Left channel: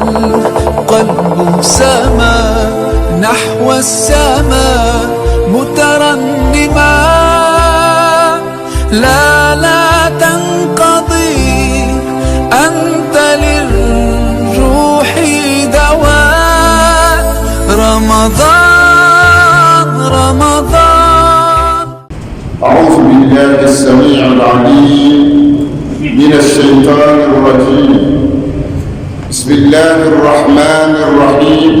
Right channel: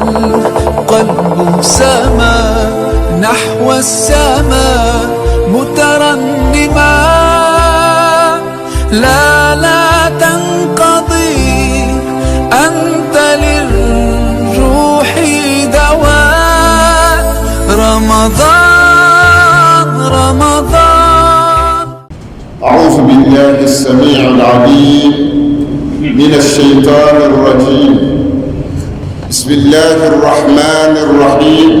والقلب سما نحو السماء مترنما. لا تنقضي أنت للروح دواء. رمضان. أعوذ بالله السميع العليم من الشيطان الرجيم. بسم الله الرحمن الرحيم.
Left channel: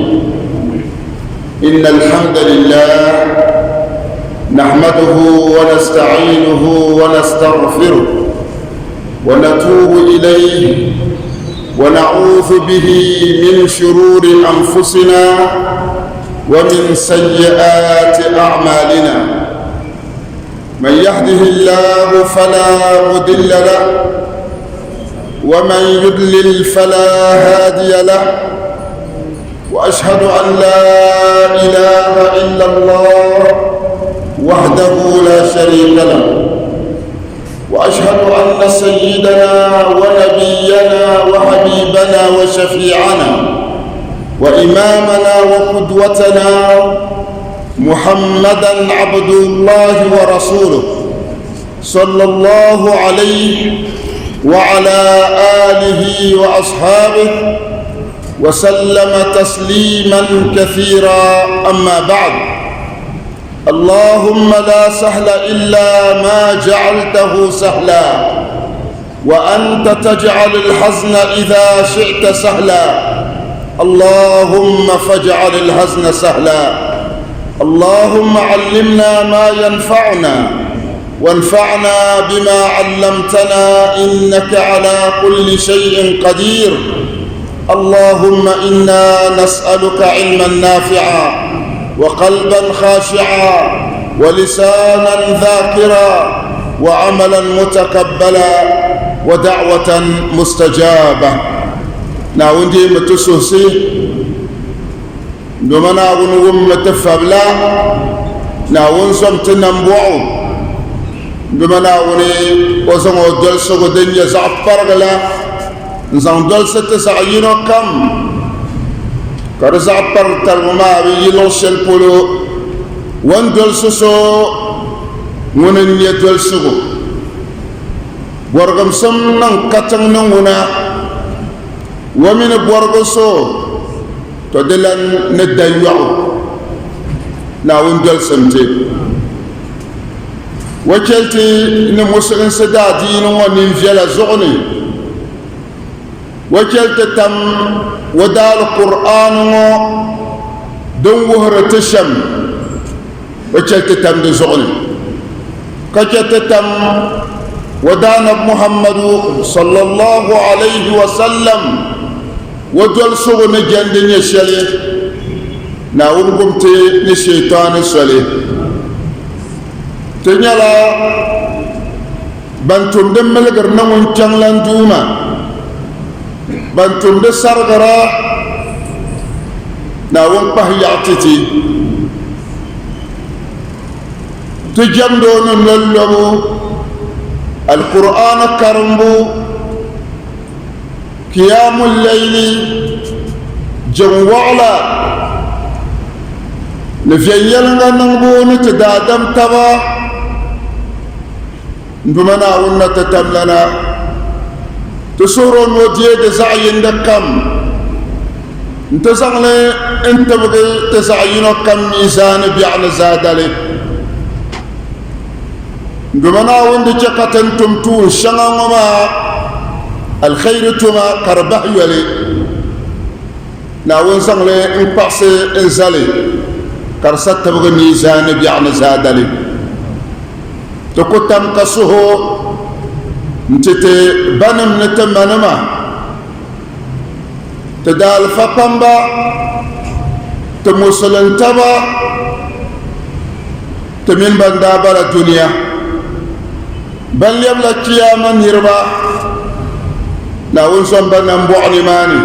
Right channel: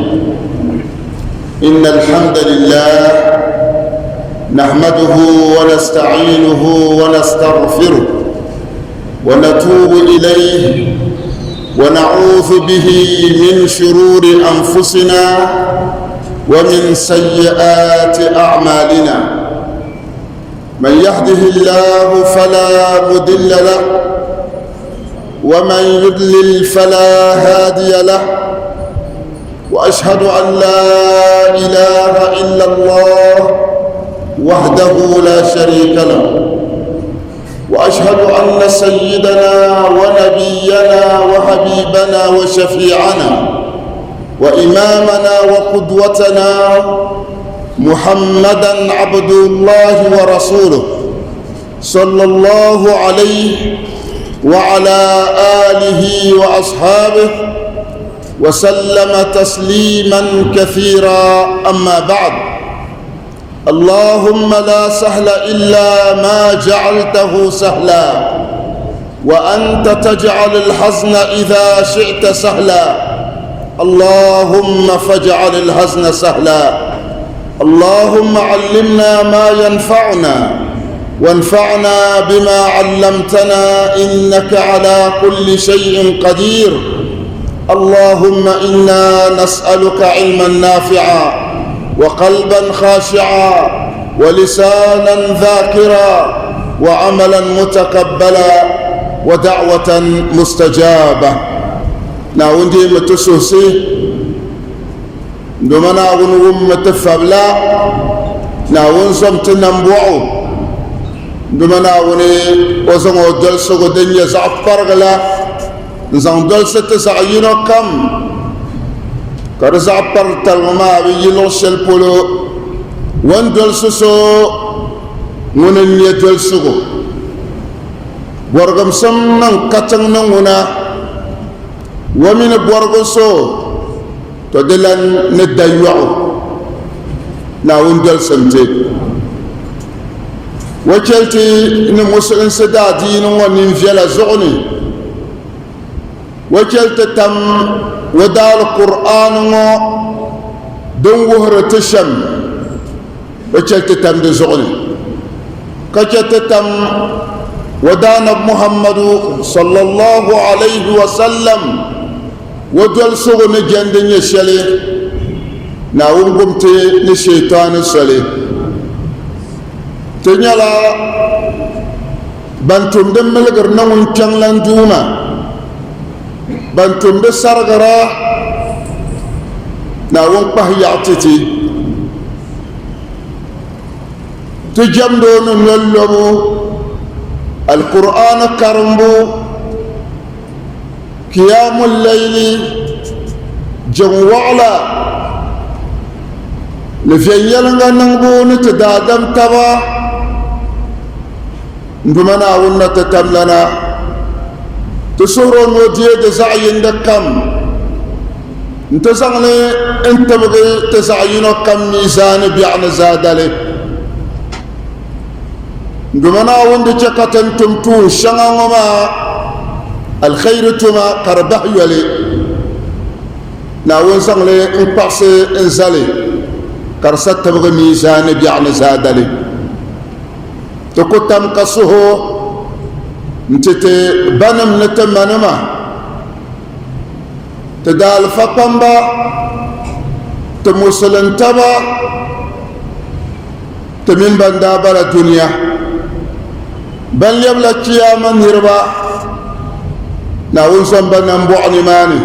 إن الحمد لله نحمده ونستعينه ونستغفره ونتوب إليه ونعوذ به من شرور أنفسنا ومن سيئات أعمالنا. من يهده الله فلا مضل له ومن يضلل فلا هادي له. وأشهد أن لا إله إلا الله وحده لا شريك له. وأشهد أن سيدنا ونبينا وحبيبنا وشفيعنا وإمامنا وقدوتنا محمدًا عبد الله ورسوله صلى الله عليه وعلى آله وأصحابه وسلم تسليماً كثيراً. أما بعد، اللهم لا سهل إلا ما جعلته سهلا وأنت تجعل الحزن إذا شئت سهلا. اللهم فاجعل الحزن سهلا. اللهم علمنا ما ينفعنا وانفعنا بما علمتنا إنك على كل شيء قدير. اللهم إنا نسألك علما نافعا وقلبا خاشعا ولسانا ذاكرا وعملا متقبلا ودعوة مستجابة. ناوندي متسوسي دومنا ونوم متفبلا ناون سمتنا مبوعو دومنا وني وزنو دلسو دنيا زعفرغلا نزان دلسة سعينو كم كرزعفر تلمما بيلو شلبولو وان دلسو ونن يدلسو ورغم سمنا كتن نمونا ومن بورغسو تدلن ندايوعو ناوين دل سنتي وكلتي نمسلن سدا دين ومن فيلا زغني وكلت تم ودال القرآن دون وهر تشم وكلت تم دي زغني كلت تم ودان محمد صلى الله عليه وسلم ودول سوغو نجاند نيشالي ناول بومتي نشيطان سالي تنيالا بانتون دمل غرنون تشانلان دوما بانتون دي سارغرا ناول باهياتي تجندون نلمو القرآن كرمبو قيام الليل جوعلا نفيلنا نغبو نتدادم تبا ندمنا ونتتملنا تسورو نوديه زعين دكم انتزغلي انت بغي تزعينو كم ميزان بيعن زادلي ندمنا وندجقة تمتو شغنما الخير تما كربح يلي ناون سانلي ان باسي ان زالي كرسات تبغي ميزان بيعن زادلي تكتم قصه نتتي بنم نتمنما تدال فقنبا تموسلن تبا تمين بندابر الدنيا بل يبلغ قياما هربا ناون سنبا نمبوعني ماني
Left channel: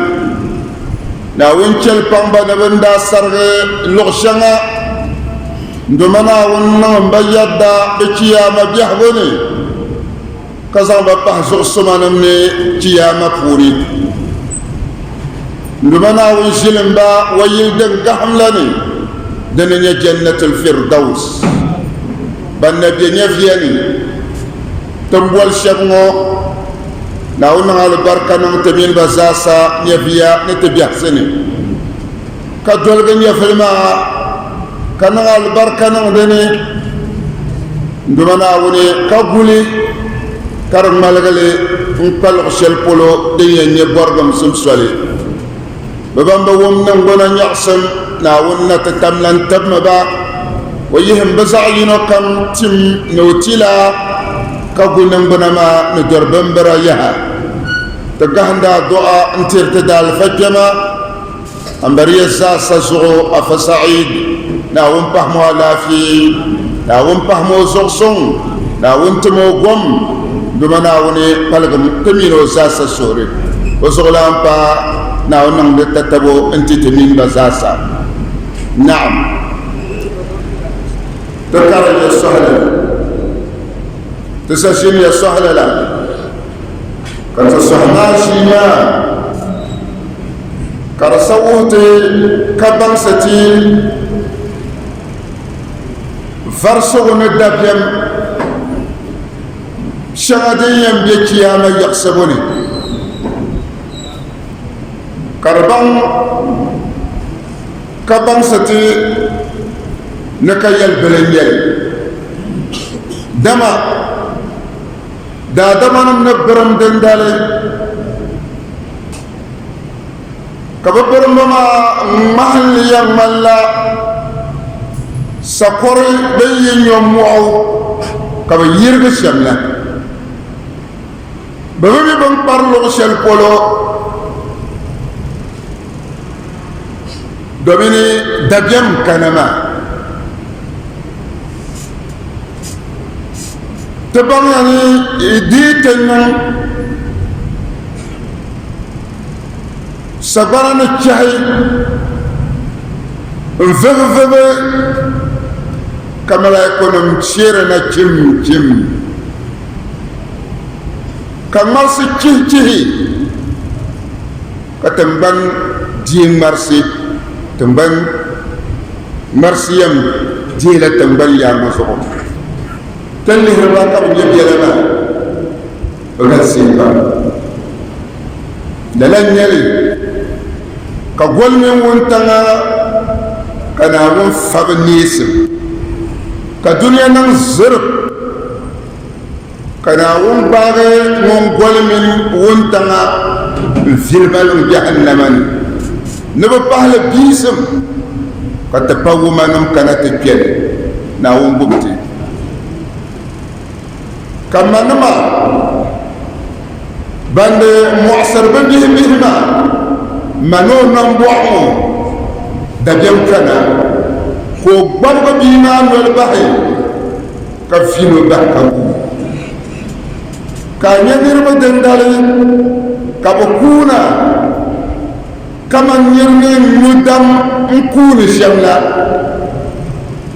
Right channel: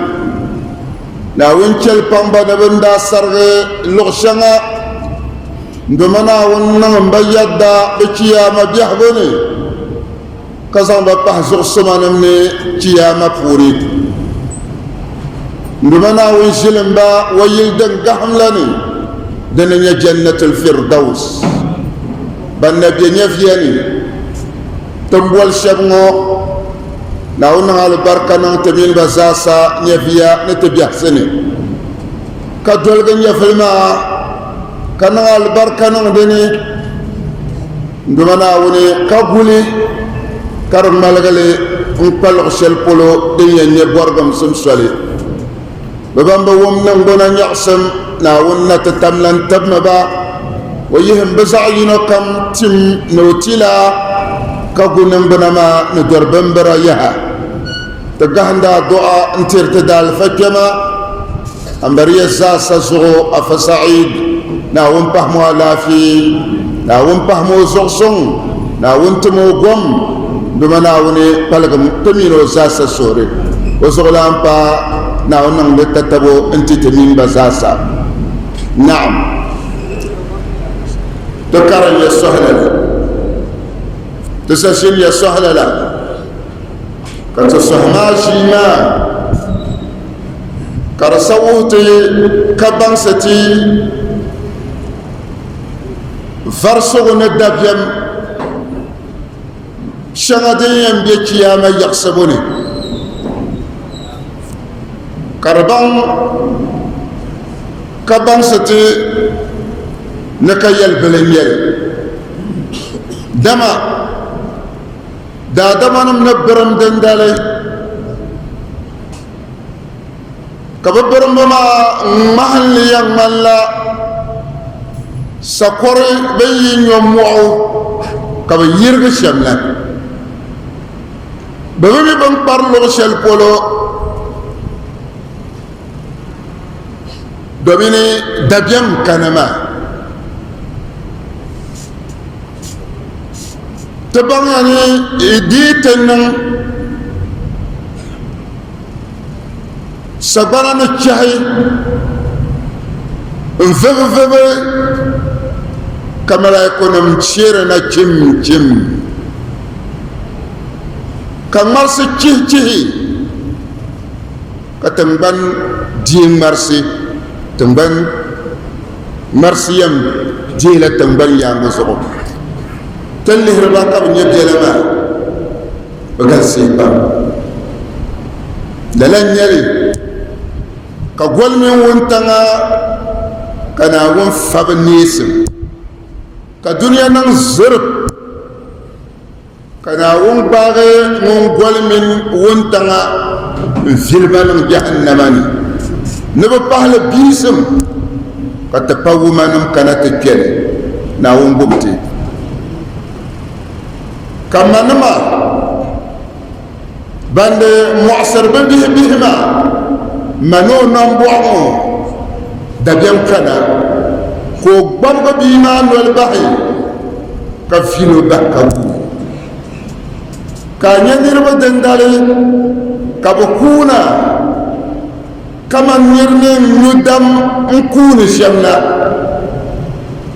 ناون كالبانبا نبندا سرغي لغشنا ندمنا ونن بيدا بقياما بيحبني كزان بطه زغسما نمني قياما بوري ndumana won shilimba wayil den gahamlani dana jannatul firdaus banna bi nyafiyani tambol shabngo na won hal barkana tamin bazasa nyafiya ne tabiya sene ka dolga nyafilma kana al barkana dene ndumana woni kabuli kar malgale pal xel polo de ne borgam sum soli babamba wom nan gona nyaxsan na wonna tatamlan tabma ba wayihim bazayino kam tim notila ka gunan banama no dorban bara yaha tagahanda du'a intirta dal fajama ambariya za sazu afasaid na won pahmo lafi na won pahmo zoxson na won timo gom dumana woni palgam tamino za sa sore o zolam pa na wannan da tabo intitamin bazasa na'am ذكر يا سهلا تسشين يا سهلا لا فتسهماشينا كرسوتي كبنستي فرسو ندبيم شغدين بكياما يحسبوني كربان كبنستي نكيل بلنيل دما دا دما نبرم دندالي كبرم بما محل يملا سكوري بين يومو كب يرغ شملا بمي بن بارلو شل بولو دوميني دجم كنما تبغاني يديتنا سبرنا الشهي انفغفغ كما لا يكون مشيرنا جم كما سيكيه كتنبان دين مرسي تنبان مرسيم جيلة تنبان يا مزعوم تلي هرباتا من يبدي لنا وقال سيبا للن يلي كقول من وانتنا كنا ونفق نيسم كدنيا ننزرب كنا ونباغي ونقول من وانتنا في المال جهنم نبقى بيسم كتبقوا ما نمكنا تجل ناون بمتي كما نما بند معصر بهما منو نمبوعو دجل كنا خو برغ بينا نلبحي كفينو دكبو كان ينير دندالي كبكونا كما نيرني ندم نكون شمنا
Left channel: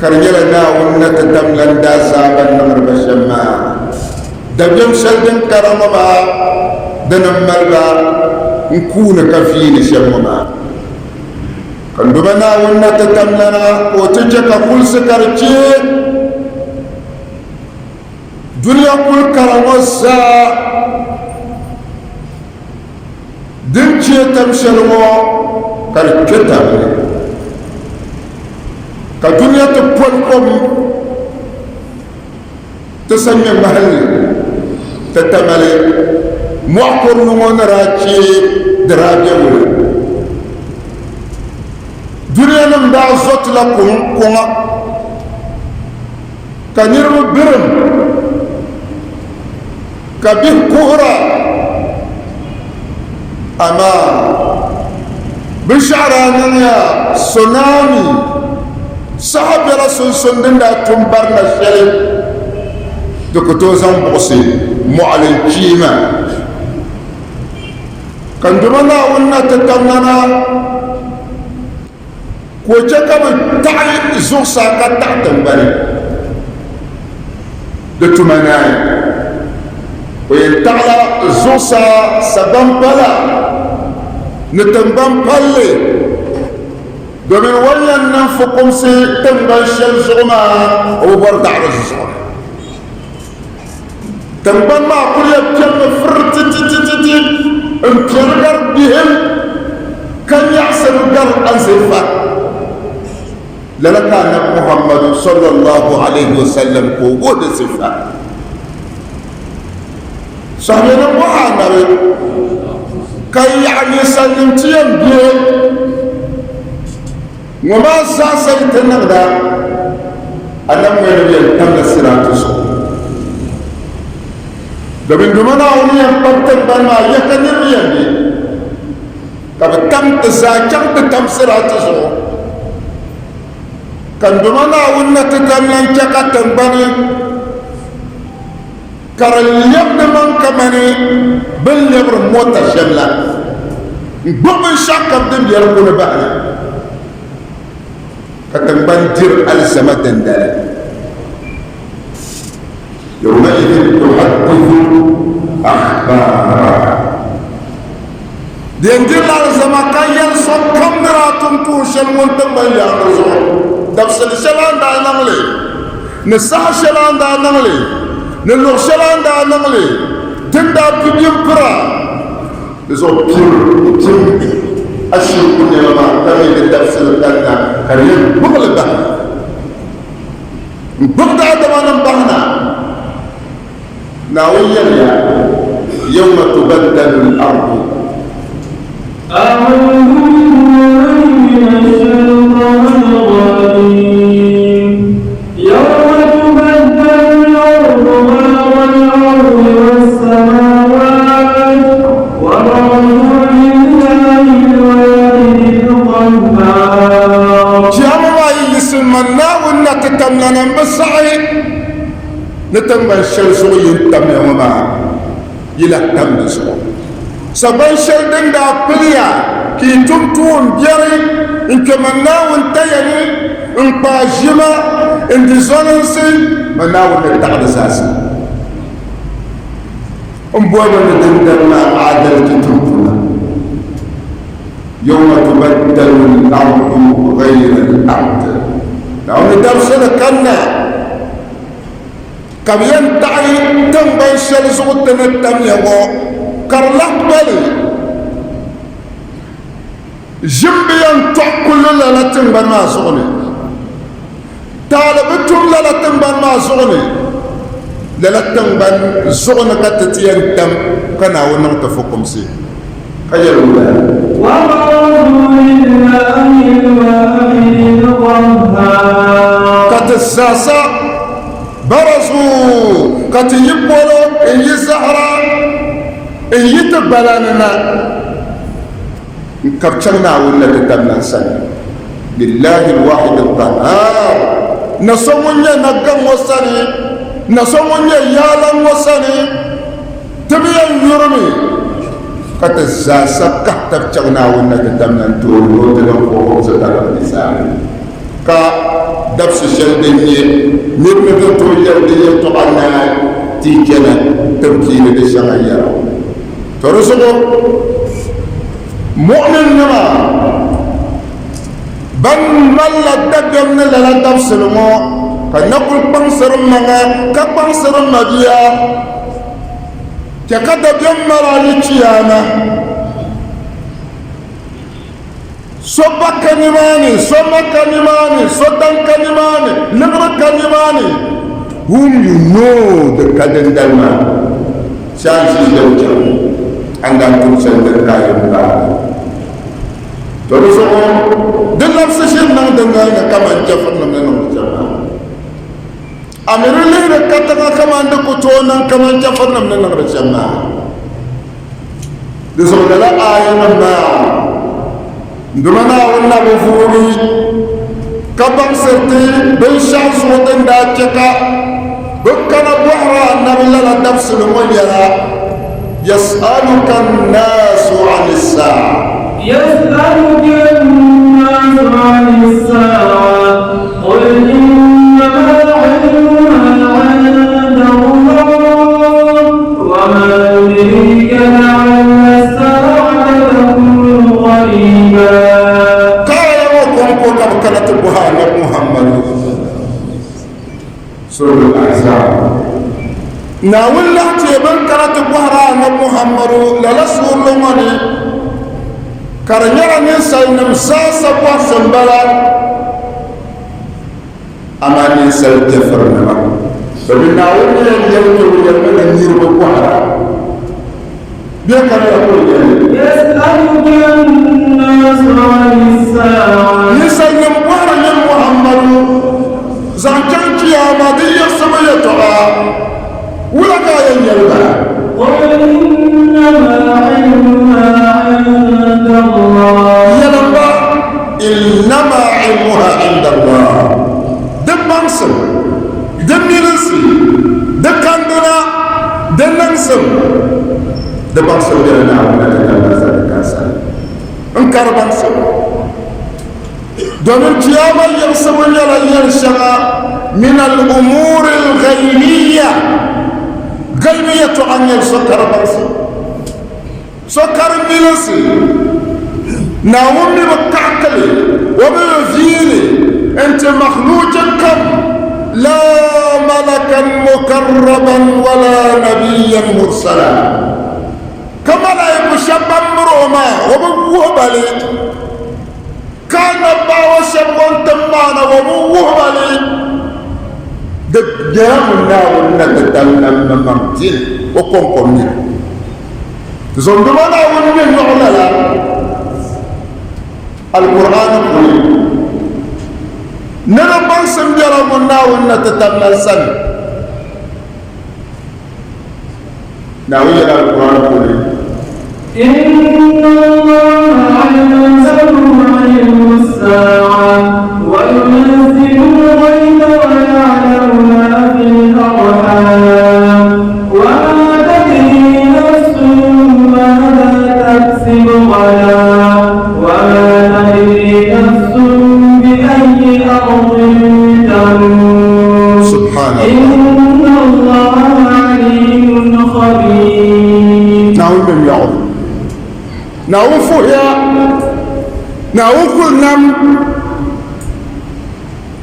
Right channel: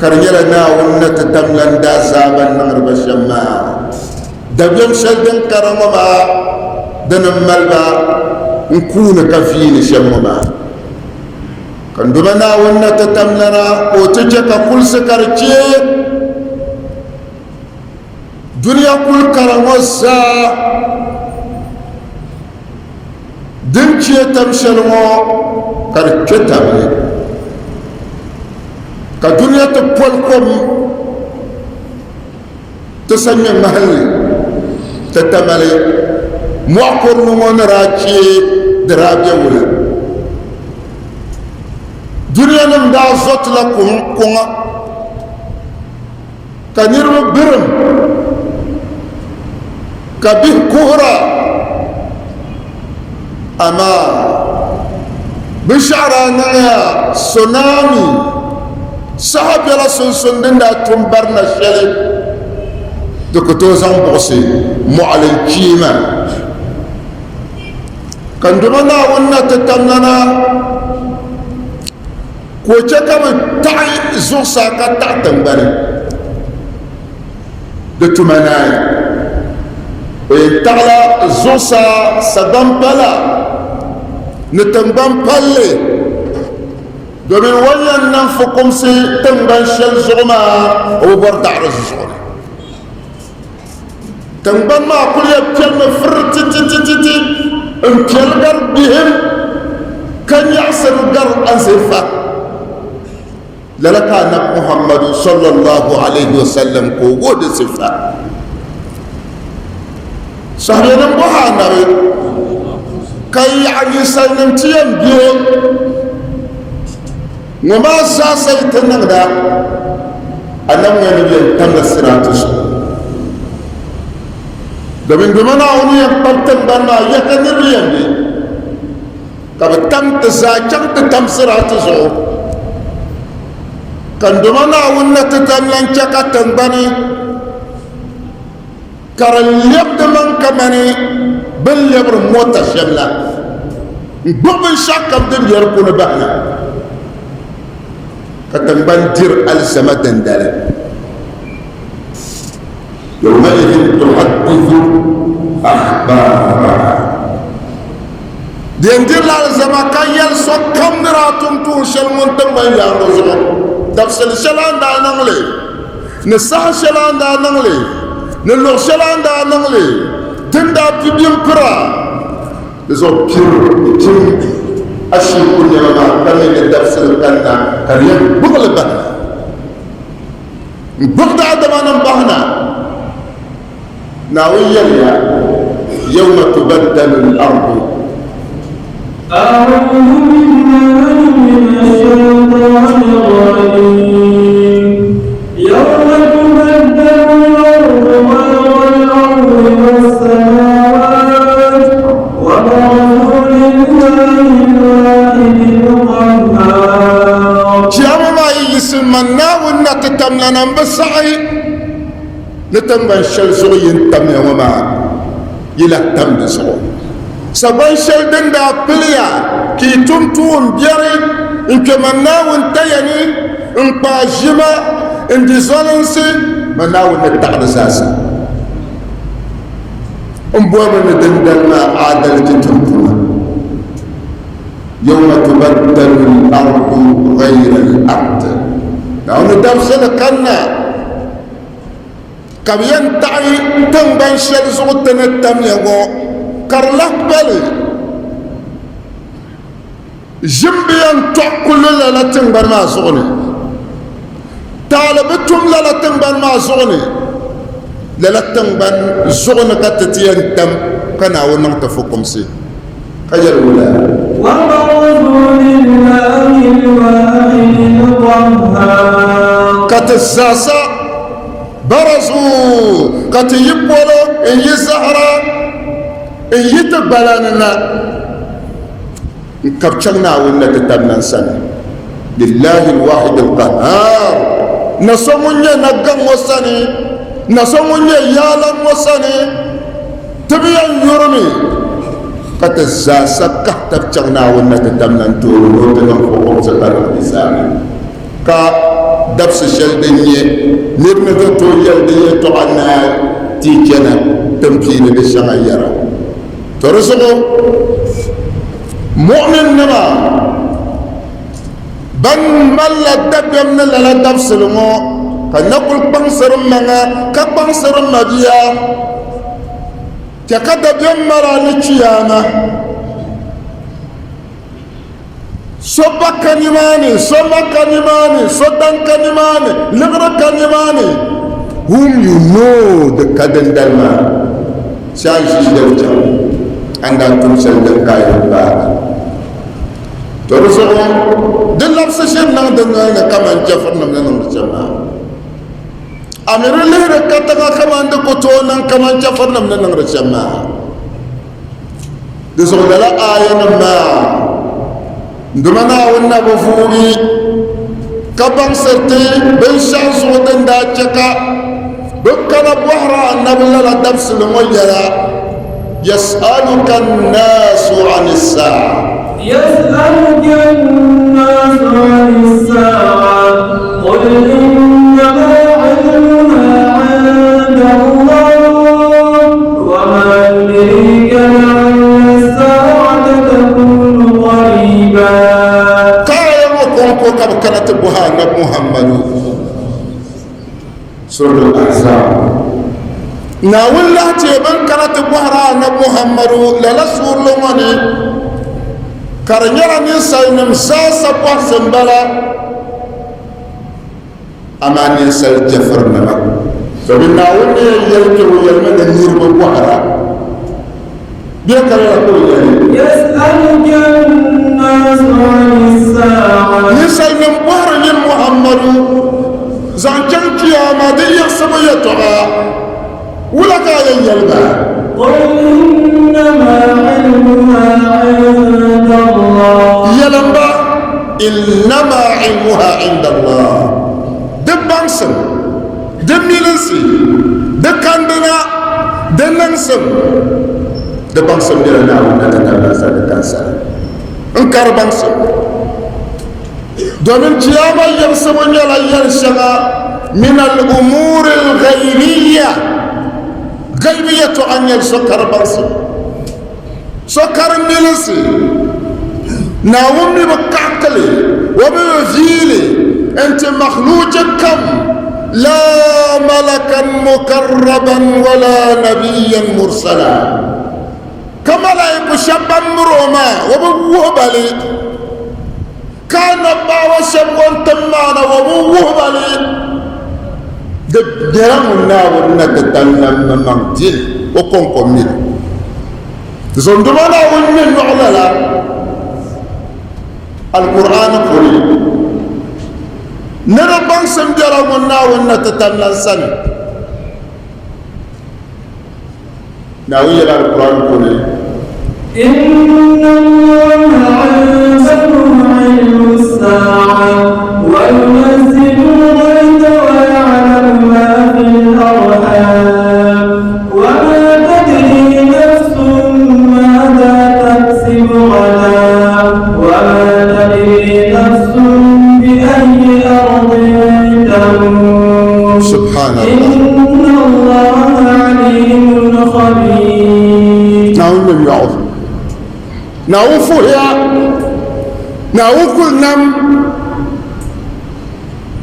كرجلنا ونتدم لندا زابا نغرب الشمال دبيم شلدن كرمما دنم ملبا نكون كفين شمما كندبنا ونتتمنا وتجك كل سكرتي دنيا كل كرموسا دنشي تمشلمو كركتامي كدنيا تقولكم تسمي محل تتمالي معقر نمون راكي درابيا ولا دنيا نمدا زوت لكم كونا كنيرو برم كبه كورا أما بشعرانا سونامي صاحب يلا سنسندن دا تنبرنا شرب دكتوزان بغسي معلن كيما كندمنا ونا تتمنا كوجاكا بتاعي زو ساكا تحتنبري دتمنا ويتعلى زوسا سدنبلا نتنبان بالي دومين ولا ننفقم سي تنبان شل زغما وبرد عرز زغما تنبان ما كل يبكر فرت تتتتتي امكر بهم كان يعسر الدر أنزفا للكان محمد صلى الله عليه وسلم قوود صفا صحيح محمد كي يعني سلمتين بيه وما ساسيت النغدا أنا من يلتم السراتش دمين دمنا أوني يلتم بنا يكني بيني طب تم تزاكر تم سراتش كان دمنا أوني تتملن شكا تنبني كرل يبد من كماني باليبر موتا شملا بمن شكا دم يركون بحنا فتنبان دير ألزمة دندالة يومئذ تحدث أخبارها دين دير ألزمة كان يلسو كاميراتم توش المنتبه يعرضون دفسل شلان دا نغلي نسح شلان دا نغلي نلغ شلان دا نغلي تندا بيبين برا يزو بير أشير كل يوم كمي للدرس الثاني كريم بغل بهنا بغل عدوانا بهنا ناويا يوم تبدل الأرض أعوذ بالله من الشيطان الرجيم يوم تبدل الأرض غير الأرض والسماوات وبرزوا لله تملنا بسعي نتمن شلزو ينتمي وما يلا تمن سو سبان شيدن دا بليا كي تمتون بيري انك مناو انتيني انك باجما ان دي زوننسي مناو نتعد ساسي امبوانا ندندنا عادل تتمتون يوم تبدل الأرض غير الأرض يعني درسنا كنا كم ينتعي تنبين شرزو تنتم يغو كرلق بالي جنبيا تأكل للا تنبين ما زغني طالبتم للا تنبين ما زغني للا تنبين زغني كتتين تم كنا ونرتفقكم سي أجل الله وبرزوا لله الواحد القهار كتساسا برزوا كتيبولو إن يزهرا إن يتبلاننا كبشرنا ونتتمنا سنة لله الواحد القهار نسموني نقم وسني نسموني يالم وسني تبين يرمي كتزاسا كتبشرنا ونتتمنا نتور ونتنفقهم ستر الإنسان كدبس الشلدية نرمضة الجلدية تعنا تيجنا تمكين بالشغيرة ترسلوا مؤمن نما بن ملا دبيا من لا دبس لما فنقول بنصر منا كبنصر مديا ككذا بيمر على الشيامة صبا كنماني صبا كنماني صدن كنماني لغر كنماني whom you know the kadang dalma siang si dauja anggang kumsel berkaya berkaya terus dalam sesi nang dengar nak kaman jafar mengenang bersama Amirullah kata kaman de kutonang kaman jafar mengenang bersama disebutlah ayat mana Gimana wanna bufuni kabang serti bensan suwatan da caka bukkana buhra nabula la dabs lumulya yas'aluka an-nasu 'anis sa'a يسألك الناس عن الساعة قل إنما علمها عند الله وما يدريك لعل الساعة تكون ناول لا تيبن كرت بوهرا محمد لا رسول الله كرنيا نسال نمساس بوسن بلا أما نسال جفرنا فبنا ولي يلتو يلمن النير بوهرا بيكرا يسألك الناس عن الساعة نسال من بوهرا من محمد زانجل قيامة دي يسميتها ولا قايل يلبا قل إنما علمها عند الله يلبا إنما علمها عند الله دبانسم دمينسي دكاندنا دننسم دبانسم دنا نتكلم سالكاسا انكر بانسم دومن قيامة يرسمون يلا يرسما من الأمور الغيبية قلبية عن السكر برسم سكر ملسي ناومي بكعكلي وبيزيلي انت مخلوق كم لا ملكا مكربا ولا نبيا مرسلا كما لا يكشب مروما وبوهبلي كان باو شبغن تمانا وبوهبلي دجامنا ونتتلنا نمتين وكونكم من زندمنا ونمين نعللا القرآن الكريم نربان سنجرمنا ونتتلنا سن ناوية القرآن الكريم إن الله عنده علم الساعة وينزل الغيث ويعلم ما في الأرحام وما تدري نفس ماذا تكسب غدا وما تدري نفس بأي أرض تموت سبحان الله إن الله عليم خبير نعوذ بالله نعوذ فيها نعوذ كل نم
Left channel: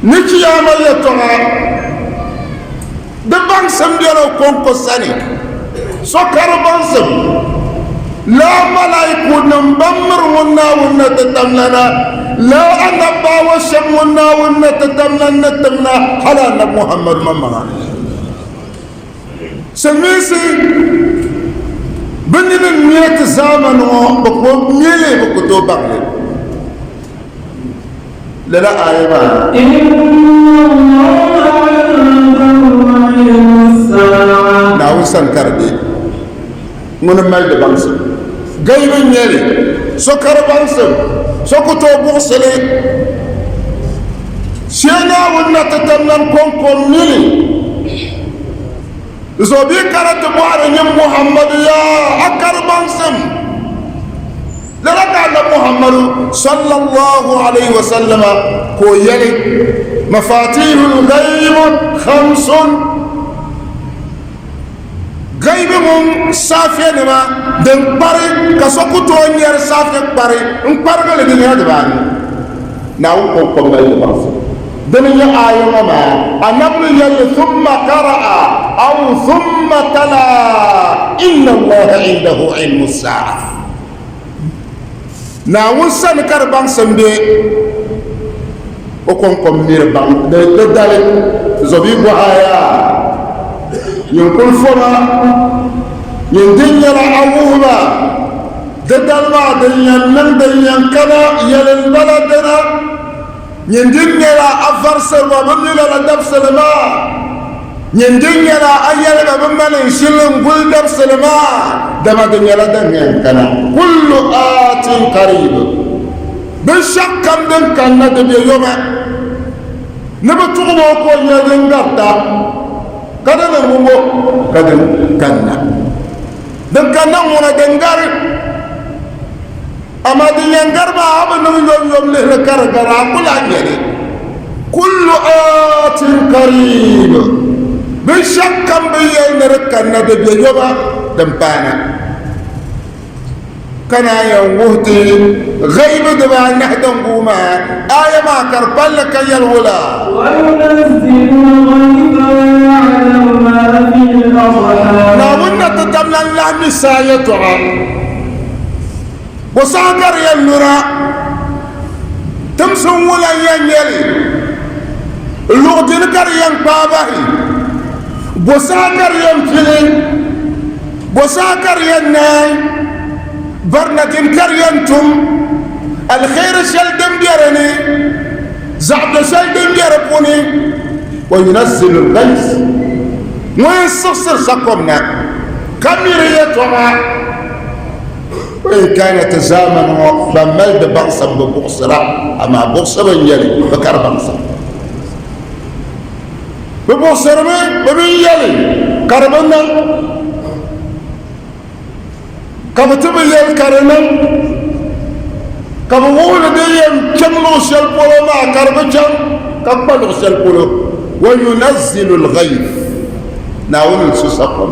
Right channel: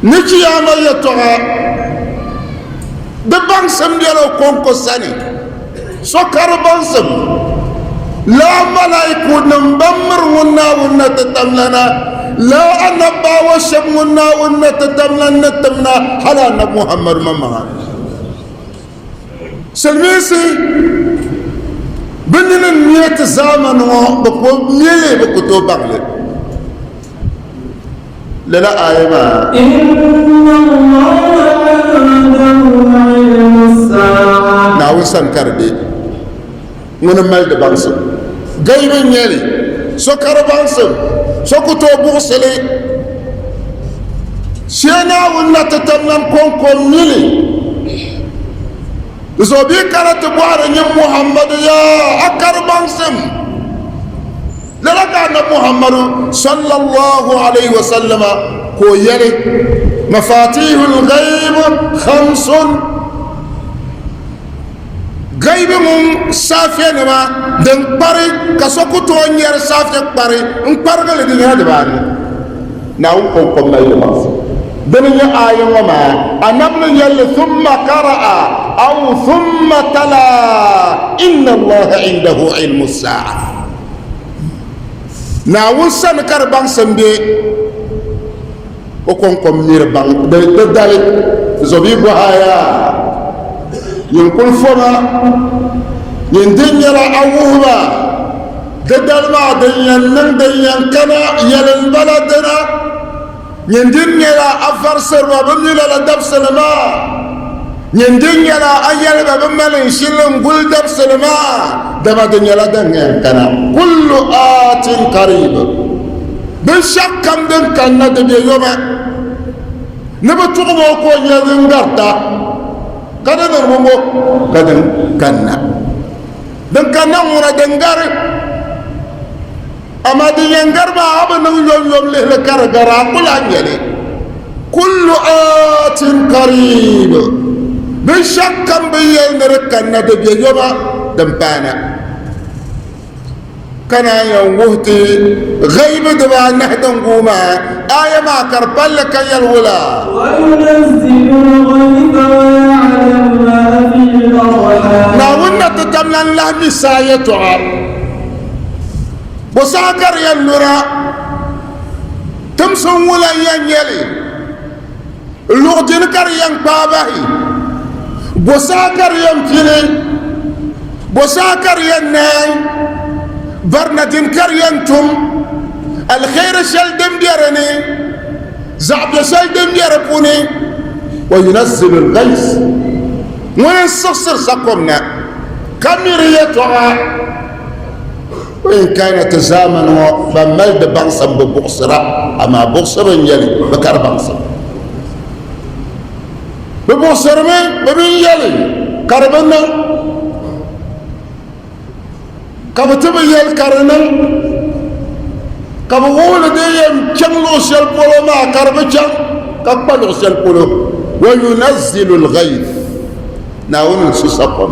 نكي عمل يتوها دبان سمجلو كونكو ساني سكر بانسم لا ملايكو نمبمر ونا تتمنى لا أنا باوشم ونا تتمنى حلا نب محمد مما سلميسي بنن نيت زامن بكو ميلي بكو بغلي لا آية إن الله عنده علم الساعة ناوي سنكر بي من مال بانسم غيب نيلي سكر بانسم سكتو بوسلي سينا ونا تتمن كونكم ميلي زوبي كانت بوار محمد يا أكر بانسم لذلك أن محمد صلى الله عليه وسلم هو يري مفاتيح الغيب 5 غيب من سافيا نما دن باري كسوكتو نير سافيا باري ان بارغل دي هذا بان ناو كوم لا يمس بني آية ما أنبني يلي ثم قرأ أو ثم تلا إن الله عنده علم الساعة ناو سنكر بان سمبي وكم مير بان بدال زبي بهايا ينقل فما يندين يلا أوهما بدال ما دنيان من دنيان كنا يلا البلدنا يندين يلا أفرسر وبنيلا لدب سلما يندين يلا أيال بمن يشيلن قل دب سلما دما دنيا لا دنيان كنا كل آت قريب بالشك كم دن كنا دبي يوما نبتوغ موكو ينغرتا كذا نرمو كذا كنا دن كنا مونا دنغار أما دي ينغر ما أبنو يوم له كرغرا كل يعني كل آت قريب بالشك كم بينغر كنا دبي يوما دمبانا كان يوهتي غيب دبا نهدن قوما آية ما كربل لك يلولا وينزل الغيث ويعلم ما في الأرحام لا ونا تتمنى الله مسايتها وساكر ينورا تمسون ولا ينيلي اللغدين كريان باباهي وساكر ينفلين وساكر ينان برنتين كريانتم الخير سلدم ديرني زعب سلدم ديربوني وينزل الغيث من السصر سقمنا كميريتها وإن كانت زامن فملد بغصا ببغصرة أما بغصر يلي بكر بغصا ببغصر من بمين يلي كربنا كبتب يلي كرنا كبغول ديم كملو سلبولو ما كربجان كبلو سلبولو وينزل الغيث ناون سسقم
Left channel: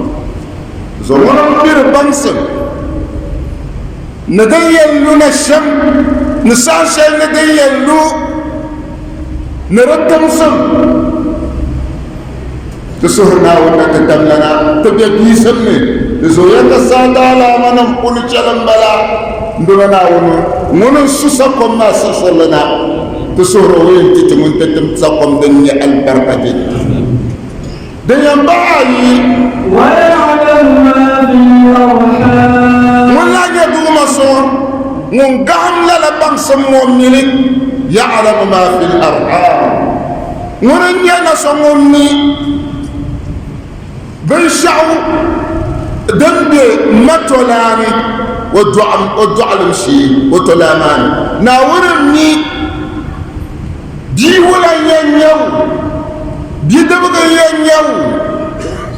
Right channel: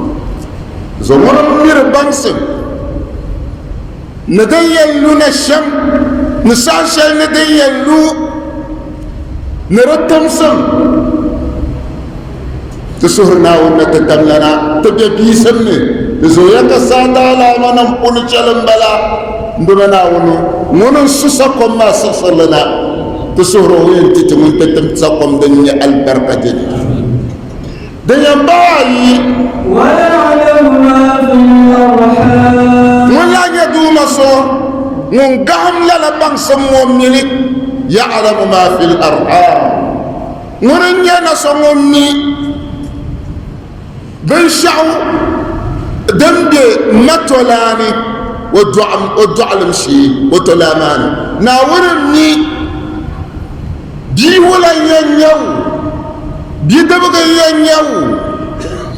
زمان بير بانسن ندين لنا الشم نساشا ندين لو نردم سم تسهرنا ومتتملنا تجي سمي تسويك السادة على منم قول جلن بلا مبنا ونو سسقم ما سسلنا تسهروا تتمن تتمسقم دنيا البركة دنيا باي ويعلم ما في الأرحام ولا يدوم صور نقام للبان سمومني يعلم ما في الأرحام نرنيا نسمومني بنشعو دنبي متولاني ودعم مشي وتلاماني ناورني دي ولا ينيو دي دبغ ينيو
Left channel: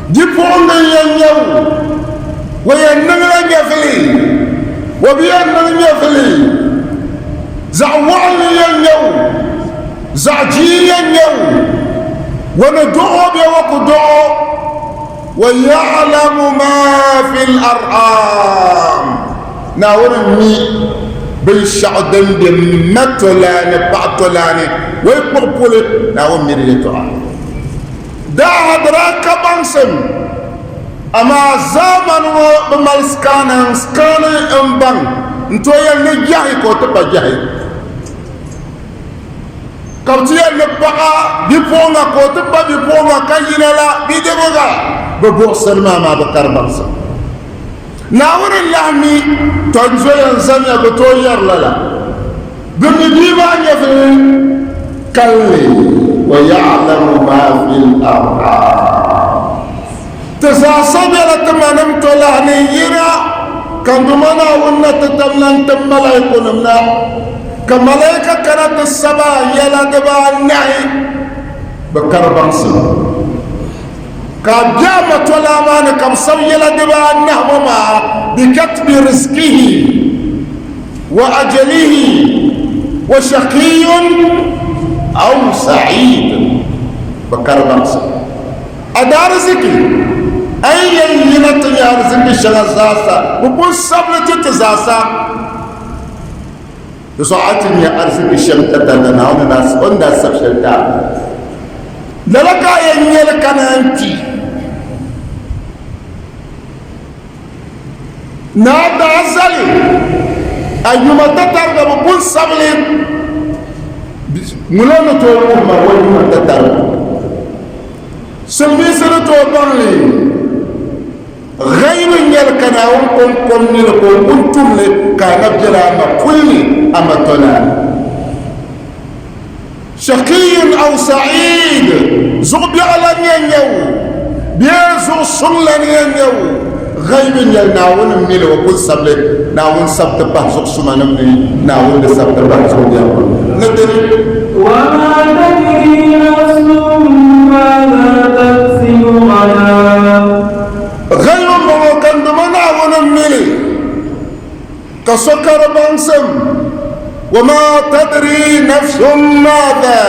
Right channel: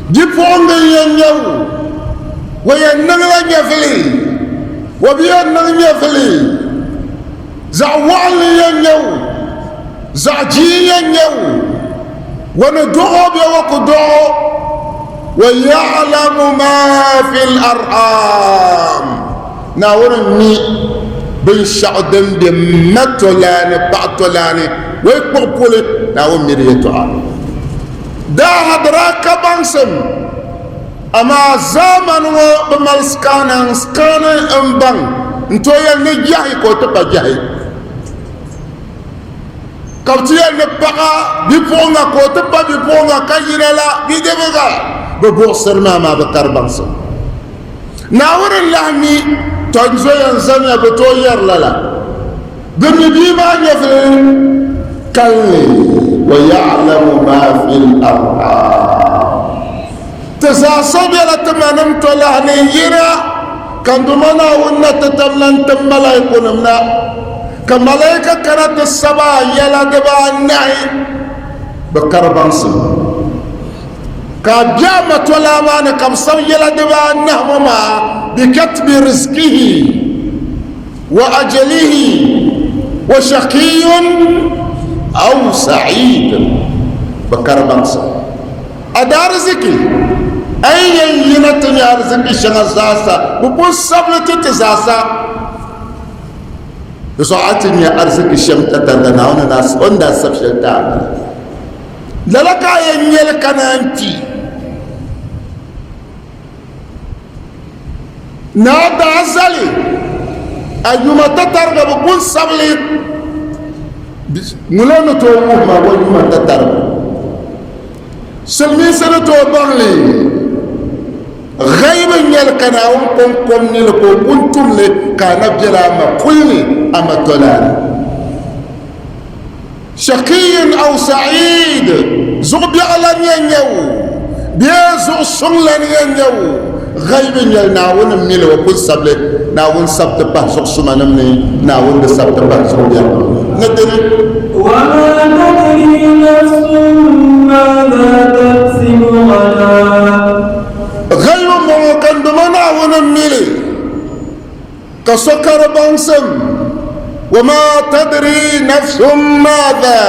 دي فونغ ينيو وينغلا يفلي وبينغ يفلي زعوان ينيو زعجي ينيو وندعو بوقدعو ويعلم ما في الأرحام ناورني بالشعدن بمتولاني بعتولاني ويقبولي ناور مريتها دا هدراك بانسم أما زمن وبمالسكانا سكانا أمبان انتو يلي جاهي كوتبا جاهي كبتي يلي بقى بيبونا كوتبا بيبونا كينا لا بيدبغا ببوصر ما بكر بانسم ناور اللحمي تنزل انسان بتوير للا قمي بيما يفل كلي ويعلم ما في الأرحام تساسبرت منمت لهنينا كان دمنا ونا تتمنى تملايكوننا كملايكة كانت السبا يلا دبا النعي بكربانسي كابيامة ولا ماني كم سو يلا دبا النهمما بكتب رزقه وأجله وشقي أو سعيد بكربانسي أدار رزقي أي ينت يا رزقي شغزاسا وبون سبلة تتزاسا بساعتني أرزقي شمتة دنا وناس وناس سبشلتا لك ينيلك أنتي نادى أزلي أيما تترغب بون سبلة ملونا توقف ما وليما تترغب سمي سنتو بانلي غير يلكنا وكم نلكم كنتم كان جراما كلي أما تلان شقي أو سعيد زغبي على ينيو بيزو سلن ينيو غير يلناون ميل وكل سبل ناون سبت بحث سمانمني ناون بسبت بحث ندري وما تدري نفس ماذا تكسب غدا غير ممكن دمنا ونميلي كسكر بانسم وما تدري نفس ماذا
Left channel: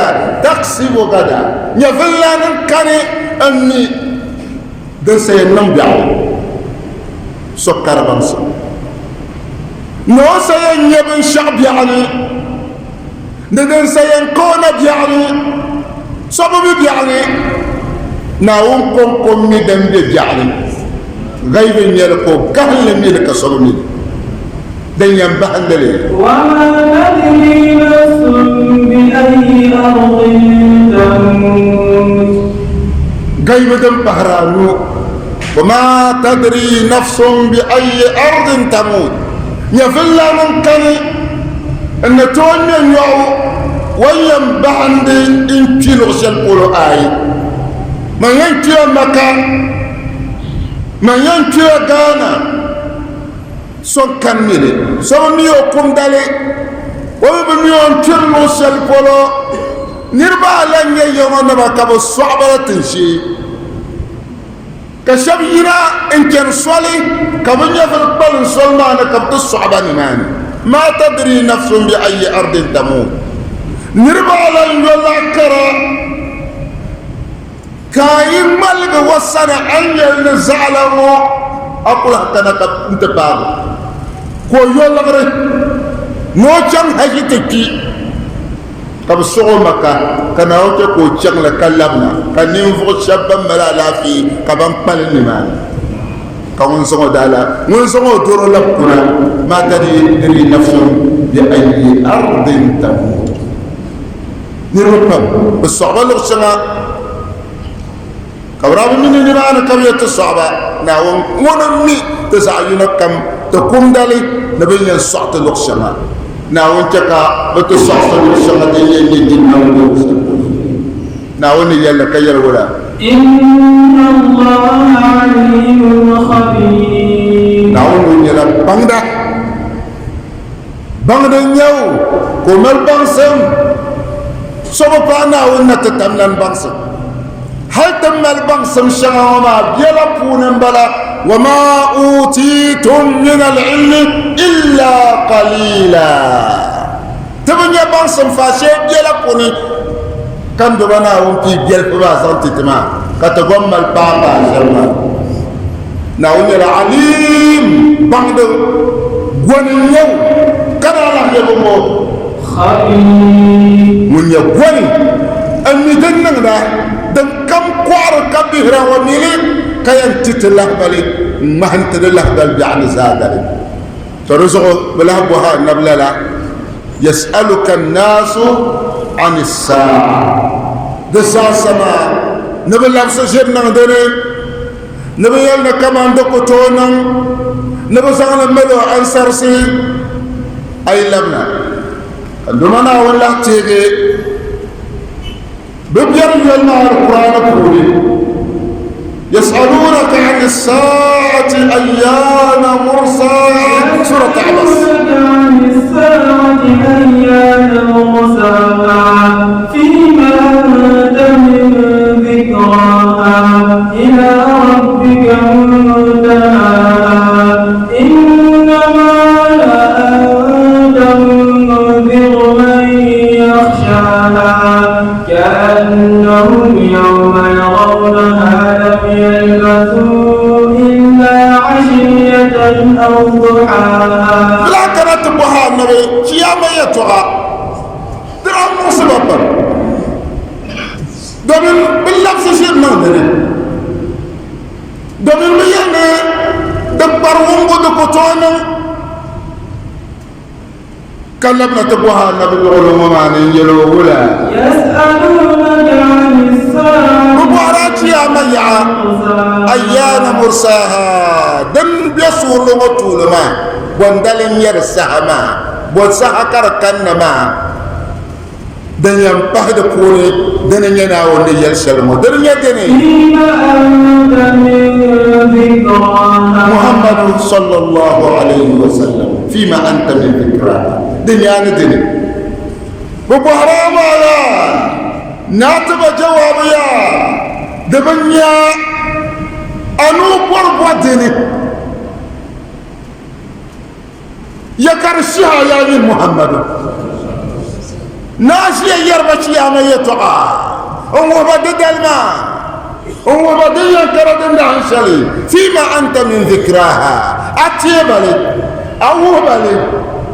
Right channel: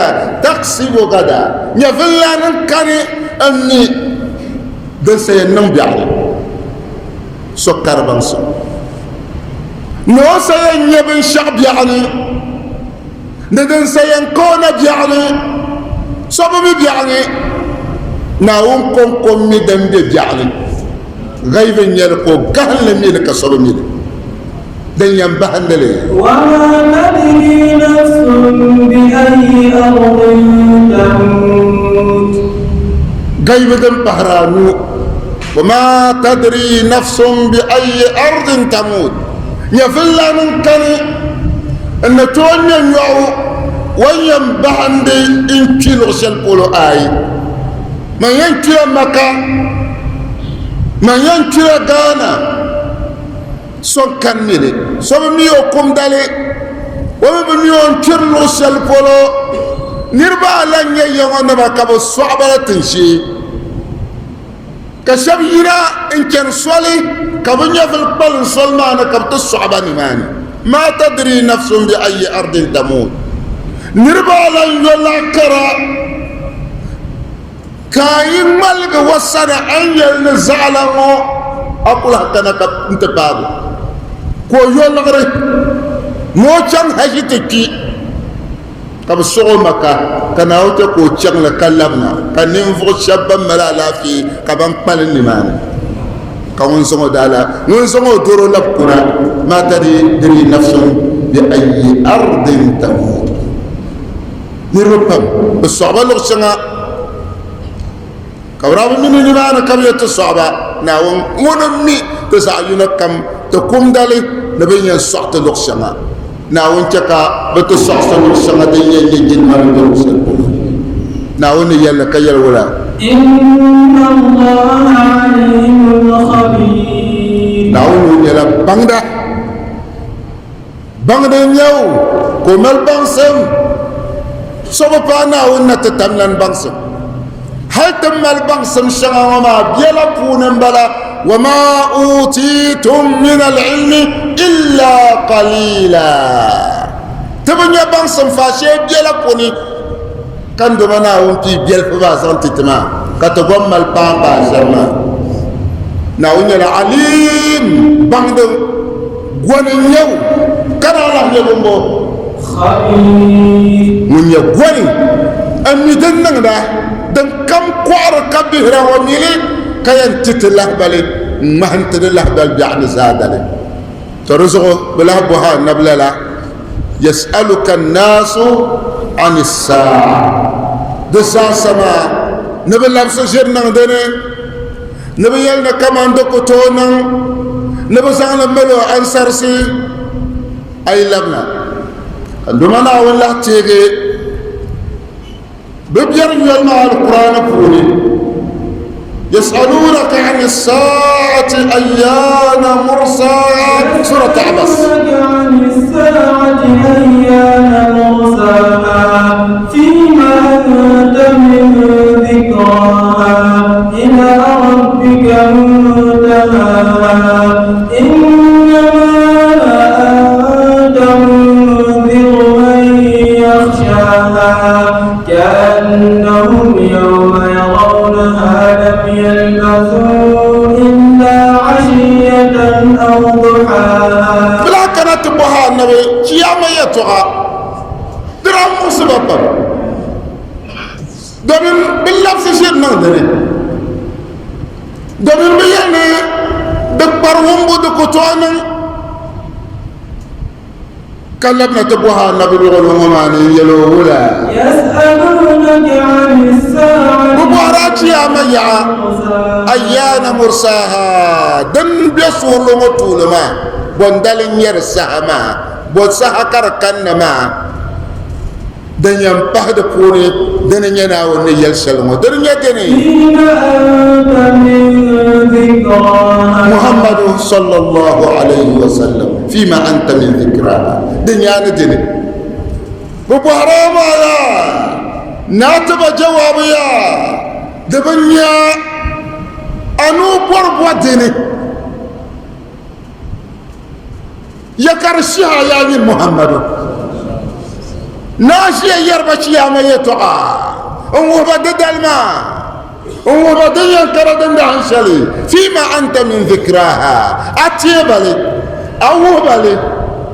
تكسب غدا يفلا نكري أني دسي نمبيع سكر بانسم نو سين يبن شعب يعني ندن سين كون يعني سبب يعني ناوم كم ميدن يعني غيب يلقو كهل ميدك سبب ميد دن ينبهن لي وما تدري نفس بأي أرض تموت غيب دم بحرانو وما تدري نفس بأي أرض تموت يفلا من كان ان توني يو ويم بحند ان كيلو شلقولو آي ما ينكيو مكان ما ينكيو غانا سون كان ميلي سو ميو كوم دالي وميو كيلو شلقولو نربا لن ييغو نبا كابو صعبة تنشي كشب ينا إن كان صلي كبنيا في القبل صلنا أنا كبت الصعبة نماني ما تدري نفس بأي أرض تموت نربا لن يلا كرا كاين ملك وصنا أن يلنزعله أقول حتى نكب انت بابو كو يلا غري نو جان هجي تكي طب الشغل مكا كان اوتو كو تشغل كلامنا كان نفو شابا ملا لا في كبان بالني مان كون سمو دالا نون سمو دورو لبكنا ما تدري نفس باي ارض تموت نيروبام الصعبه لرسنا كوراب من نيران كبيت الصعبه ناوم ونمي تسعينا كم تقوم دالي نبي ينصعت لرسنا ناون تكا بتصحصح السنة يلي جنا ودرسل ناون يلا كيل ولا إن الله عليم خبير ناون يلا باندا نيو كمل بانسم سبب ناون نتتملن بانسم هل تمل بانسم شغاما بيلا بونن بلا وما أوتيتم من العلم إلا قليلا تبني بانسم فاشي بيلا بوني كم دبنا ومتي بيل فباسان تتما كتقوم البابا شرنا ناون العليم بعد غنيو كنا نحن يقومو خبير من يغني أمي دننا دن كم قعر كبير وميلي كيان تتله بالي ما انت الله بل يعني زادل ترزق بلا بها نبلا يسألك الناس عن الساعة دسا سما نبلا بسجرنا دني نبيالنا كمان دكتونا نبسانا ملو أنسرسي أي لبنا عندما والله تيجي ببجر يلنا القرآن كوني يسألونك عن الساعة أيان مرساها سورة عبس عن الساعة أيان مرساها فيما أنت من ذكراها إلى ربك منتهاها إنما أنت منذر من يخشاها كأنهم يوم يرونها لم يلبثوا إلا عشية أو ضحاها لا كانت بها النبي كيما يتوها درام مصيبة دمن باللفظ شيء نودري دمن بيعني دبر ومبو دكتوانا كلمنا تبوها النبي بغلوما من يلوهلا يسألونك عن الساعة مبارك يا ميعا أيان مرساها دن بيسول مطول ما بندل يرسها ما بوسها كركن ما دن ينبهد كوني دن يناون يلسلمو دن يدني فيما أنت من ذكراها محمد صلى الله عليه وسلم فيما أنت من ذكراها دنيا ندني ببهرام يا ناتب جواب يا دبنيا أنو بربو دني يكرشها يا محمد ناشي يربش يا ما يتوعى ومبدد الماء ومبدد كردن دهن شلي فيما أنت من ذكراها أتيبالي awu bale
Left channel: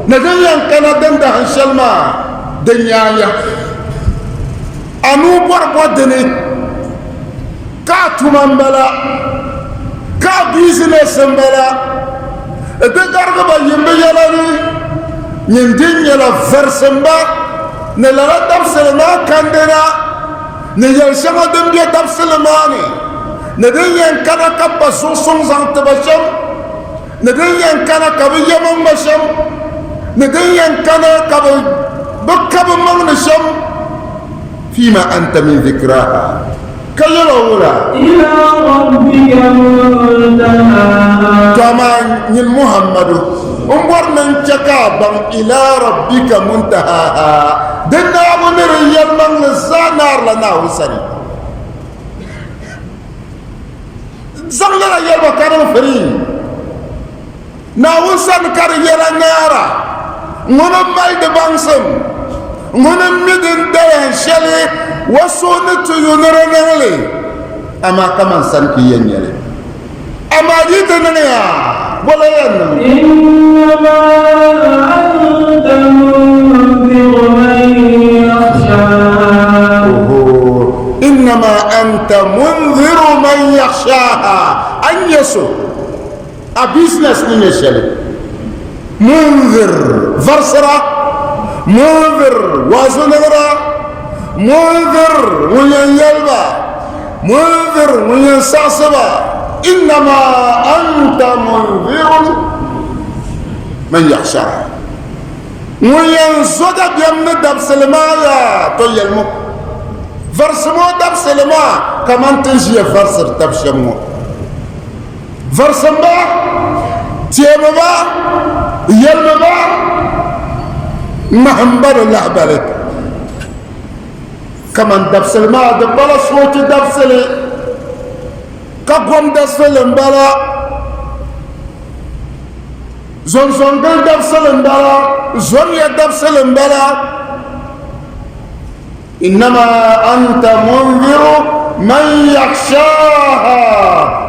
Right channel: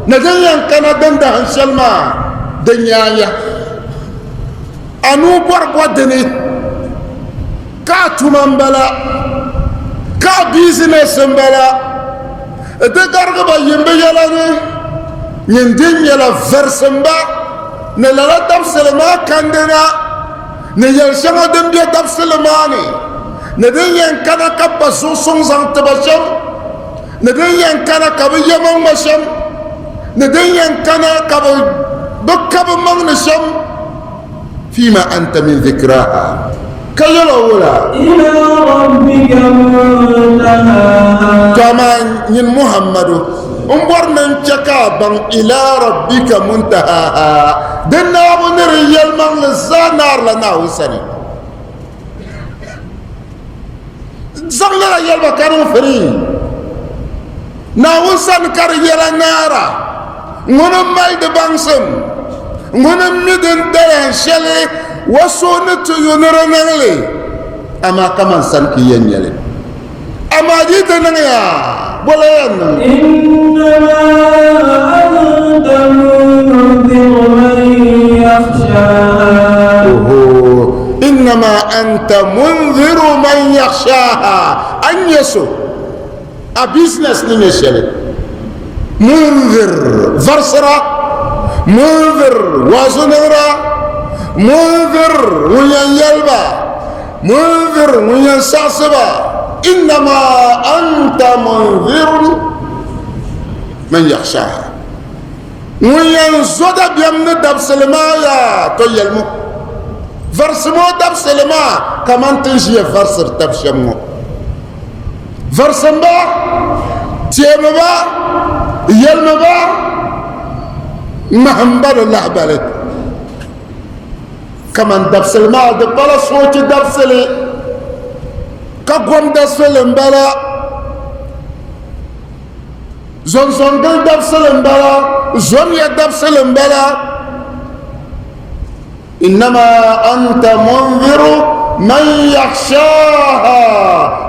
na den yan kana den da hanshal ma den yaya anu borbo dene ka tumambala ka business mbala de gargo ba yimbe yalani nyindin yala versamba ne la tafsirma kandena ne yelshama den bi tafsirmani ne den yan kana kabba sun zang tabasham ne den yan kana kabi yaman masham ne den yan kana kabi dukkabi magnasham fima anta min dhikraha كيلا ولا إلى ربك منتهاها كما من محمد انظرنا انتكابا إلى ربك منتهاها دنا بنر يلمن للزانار لنا وسني زغنا يلبا كانوا فرين ناوسن كار يلا نارا نونم مالد بانسم نونم مدن دين شلي وسونت ينرنغلي اما كمان سنكي ينيلي اما جيتنا يا ولا ين إنما أنت منذر من يخشاها انما انت منذر من يخشاها ان يسو ابيزنس نمشي منذر فرسرة منذر وازنرا منذر وين يلبا منذر وين ساسبا انما انت منذر من يخشاها وين زاد بيمن دبسلما يا تويلمو فرسمو دبسلما كمان تنجي فرسر تبشمو فرسمبا تيمبا يلمبا محمد الله بالك كمان دبسل ما دبلا صوت دبسل كقوم دبسل مبلا زون زون دبسل مبلا زون يدبسل مبلا إنما أنت منذر من يخشاها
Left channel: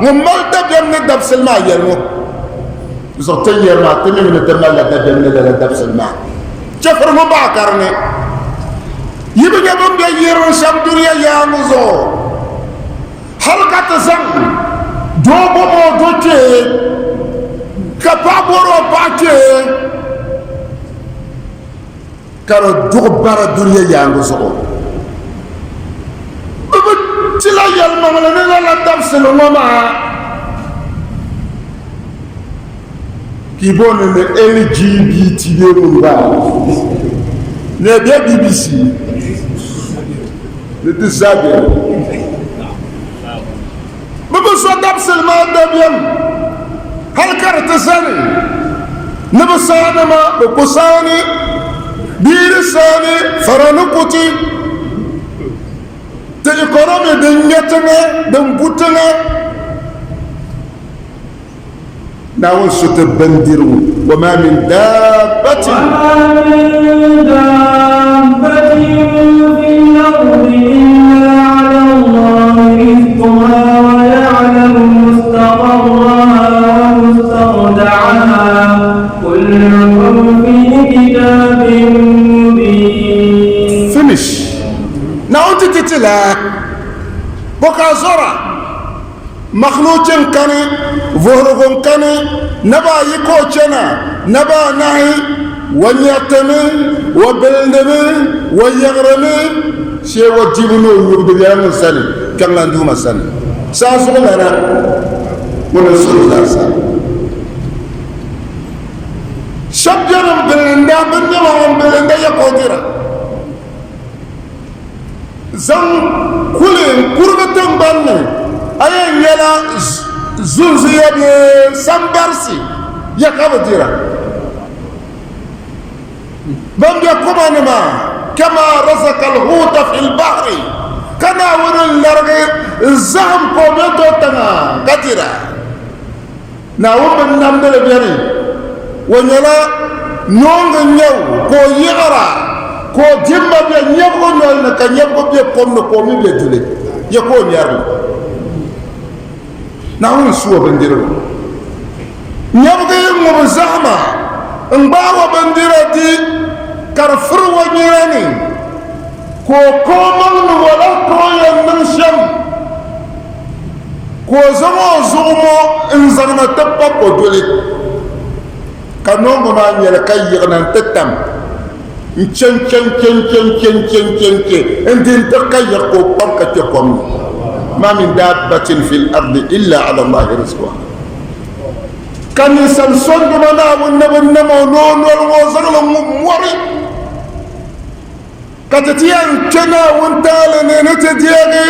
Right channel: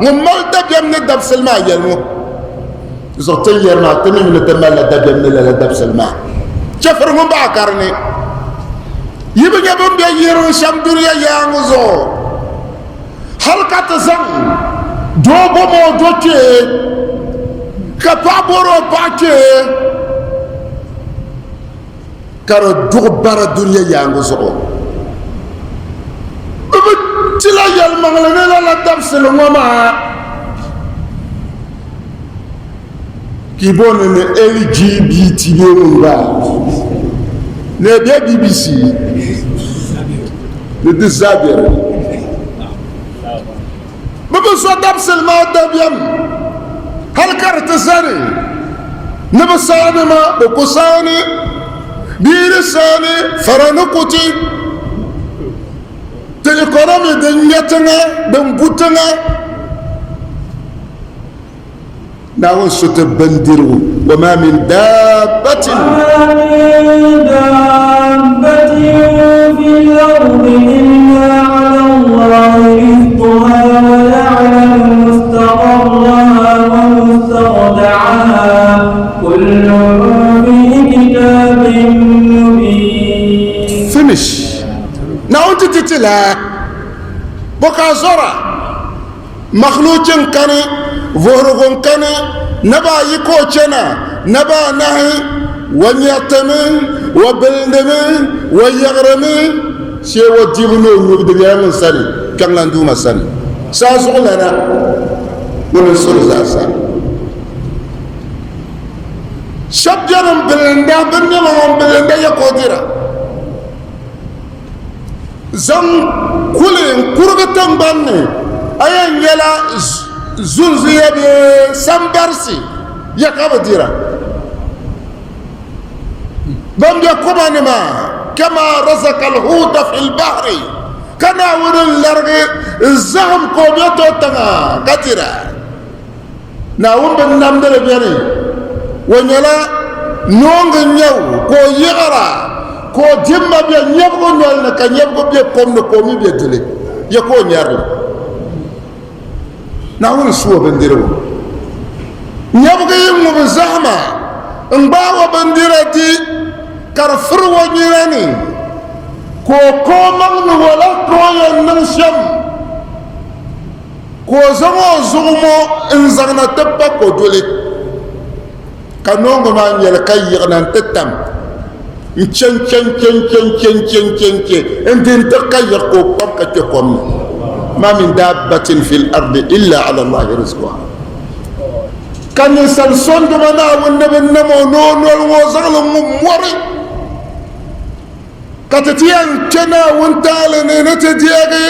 وما تجمع دبسل ما يلمو زوتين يرنا تنين نتمنى تجمع دبسل ما شفر مباكرني يبقى من بيجيرون شمدوريا يانوزو حلقة زن دوبو موجوكي كبابورو باكي كارو دوبارا دوريا يانوزو تلا يالمغلنا لا تفصل وما كيبون LGBT بيمونغا نبي BBC نتسابر ببسا دبسل ما دبيم هل كارتساني نبساني ما بكساني بيرساني فرانكوتي تلقرامي دنيتنا دنبوتنا ناول ستبندروا وما من دابة في الأرض إلا على الله رزقها ويعلم مستقرها ومستودعها كل في كتاب مبين. Finish. Now تتلا بكا زرع مخلوق كاني فورغون كاني نبا يكوشنا نبا نهي ونيتمي وبلدمي ويغرمي شيء وجيبنو يبدو من سني كم لاندوما سني ساسو لنا ورسول الله سني شبجرم بلندا بندما بلندا يقوديرا زم كلهم كربتم بني أين يلا زوزية بسامبرسي يكابديرا بم يكون ما كما رزق الحوت في البحر كنا ورن لرغي الزهم كوميتو تنا قديرا ناوم بنمبر بيري ونيلا نونغ نيو كو يغرا كو جيما بي نيبو نيل نكا نيبو بي كوم نكومي بي جولي يكو نيارو ناوم سو بنديرو نيبو يم زحمه ngbawa bandirati karfur wanyani ko mang wala ko yan nang sham ko zama zumo inzarna tabba ko dole kanongo ma nyel kayyana tatam chen انتن تقير قوبك تقوم ما من دابة في الأرض إلا على الله رزقها كان إنسان سند منا والنبي النمو نون والوزر المموري كتتيان كنا وانتالن نتديغي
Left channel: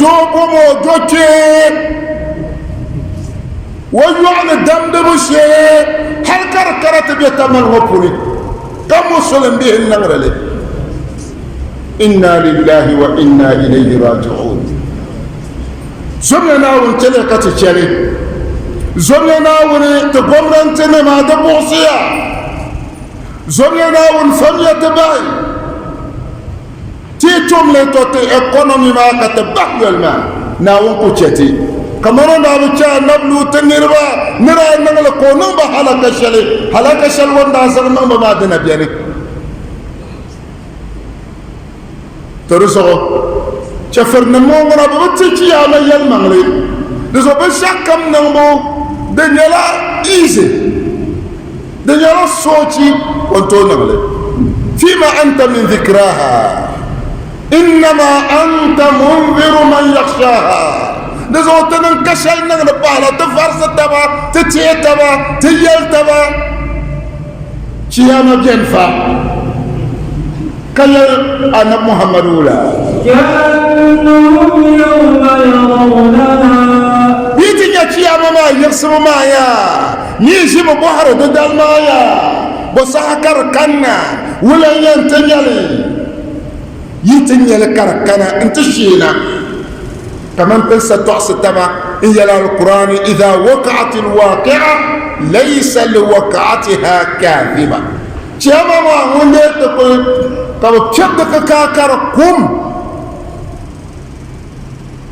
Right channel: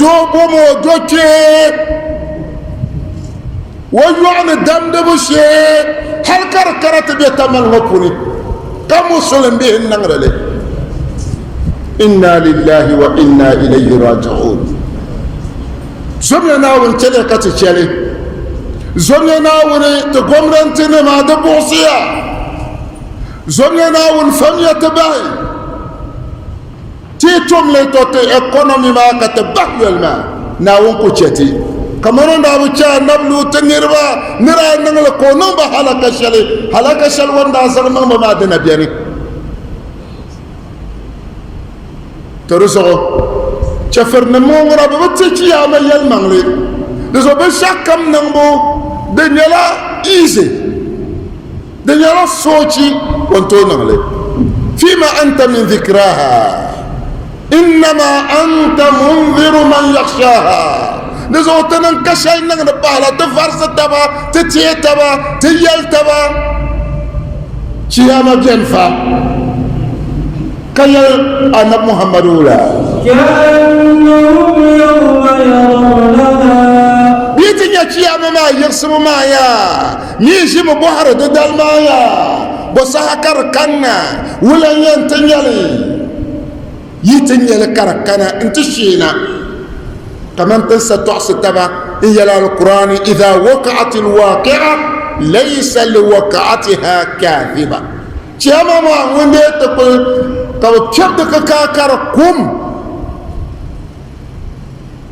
دوبو موجوكي ويعني الدم بشي هل كركرت بيتمن وفوني كم وصلن به النغر له إنا لله وإنا إليه راجعون زمنا وانتلقت الشري زمنا ونتقمرنتنا مع دبوسيا زمنا ونفمية تبعي تيتم لتوتي اقونومي ما كتبق والما ناون كوشتي كمان نابو تشا نبلو تنيربا نرى نغل كونوم بحلقة شلي حلقة شل وندا زغنا ما دنا بياني ترسو شفر نمو غنا بتشي يا ميل مغلي دزو بشكم نمو دنيلا ايزي دنيلا صوتي وانتو نغلي فيما انت من ذكراها انما انت منذر من يخشاها نزوتنا انكشلنا نبهلا تفرس التبا تتي التبا تيال التبا شياما جنفا كي أنا محمد أولا كأنهم يوم يرونها بيتنا شياما ما يرسم مايا نيجي مبهر ضد المايا بساكر كنا ولا ينتنيلي يتنيل كركنا انتشينا كمان تنسى تعصي التبع إلى القرآن إذا وقعت الواقعة ليس لوقعتها كاذبة جمع ما وليت تقول طب كبدك كاكركم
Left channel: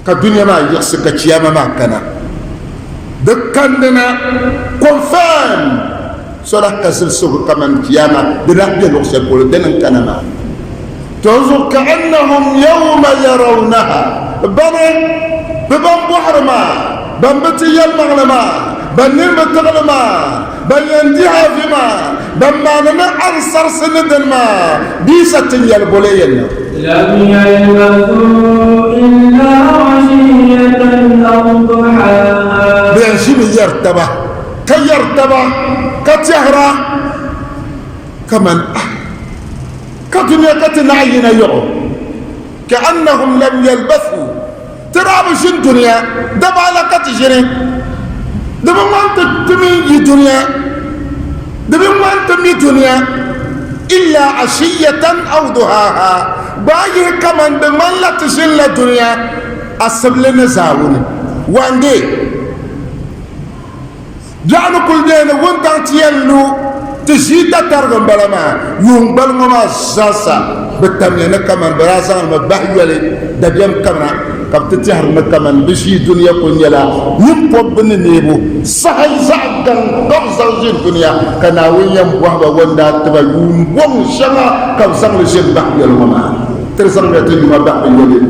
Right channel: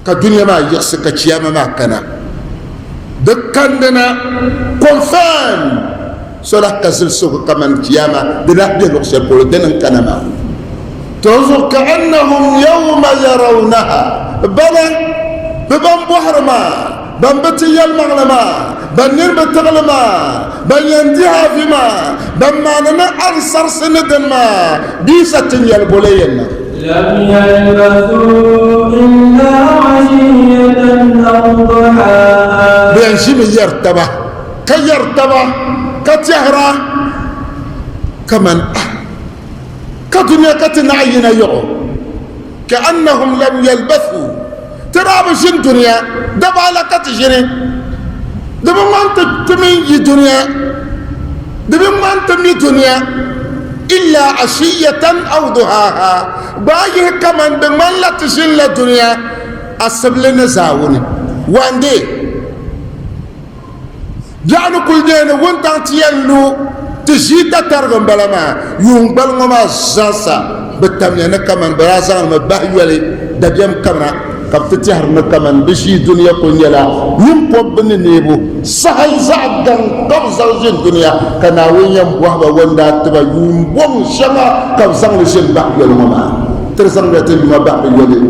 كدنيا ما يخسك جمع ما كان دكاننا كونفان سورة كسر سوق كمان جمع دنا بيلوس يقول دنا كنما تنظر كأنهم يوم يرونها بنا ببن بحرما بن بتيال مغلما بن نرم تغلما بن ينديها فيما بن ما نما أرسر سندما بيسة يالبولين لم يلبثوا إلا عشية أو ضحاها بينشم يرتبه كيرتبه كتهرى كمن كدنيا كتنعين يعو كأنهم لم يلبثوا ترى بشين دنيا دبا لك تجري دبا ما انت تمي دنيا دبا ما انت مي دنيا إلا عشية أو ضحاها بايه كمان بمن لا تجين الدنيا أسبلنا زاون واندي جعلوا كل دين وانت تيلو تجيتا ترغم بلما ينبل ما زاسا بالتمنى كمان براسا مبهيلي دبيم كمان كبتتهر كمان بشي دنيا كنيلا ينقب بنيبو سهل زعدن تغزل جن دنيا تناويا وهو وندا تبا ينبون شما كبزن لجن بحيل وما ترسل بيتين ما بحيل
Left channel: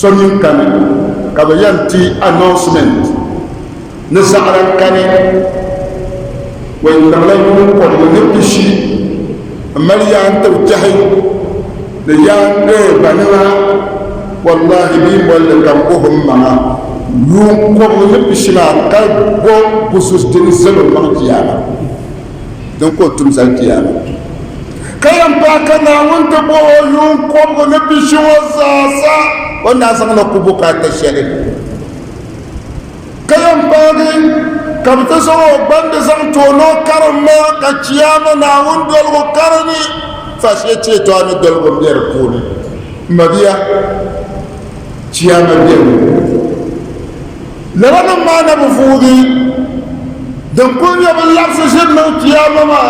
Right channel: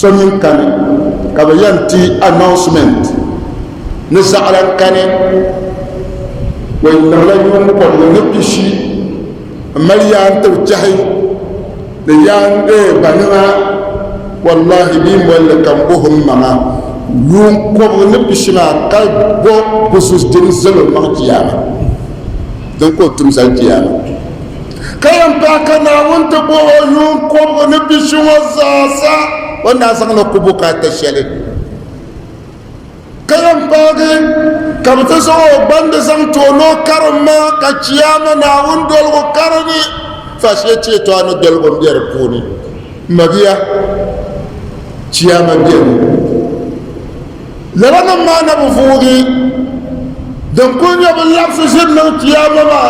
سنين كان كبيانتي announcement نسعران كان وينغلون قبل نبشي مريان توجهي ليان بنينا والله بيم ولا كمبوهم معا يوم قبل نبشي ما كاي بو بسوس دينزلو ما تيانا دونك كنتم زاكيانا كايم باكنا وانت بو يوم قبل نبشي وزاسا والناس نكبوكا تشالي كايم باغي كابتسو بند زم تولو كرما كچياما ناون دول وكرني فاشيتي تو انا دول بير كوني مبيا چياما بير لرنا ما نبفودي دكون يا باللفظ سيدنا چياما ما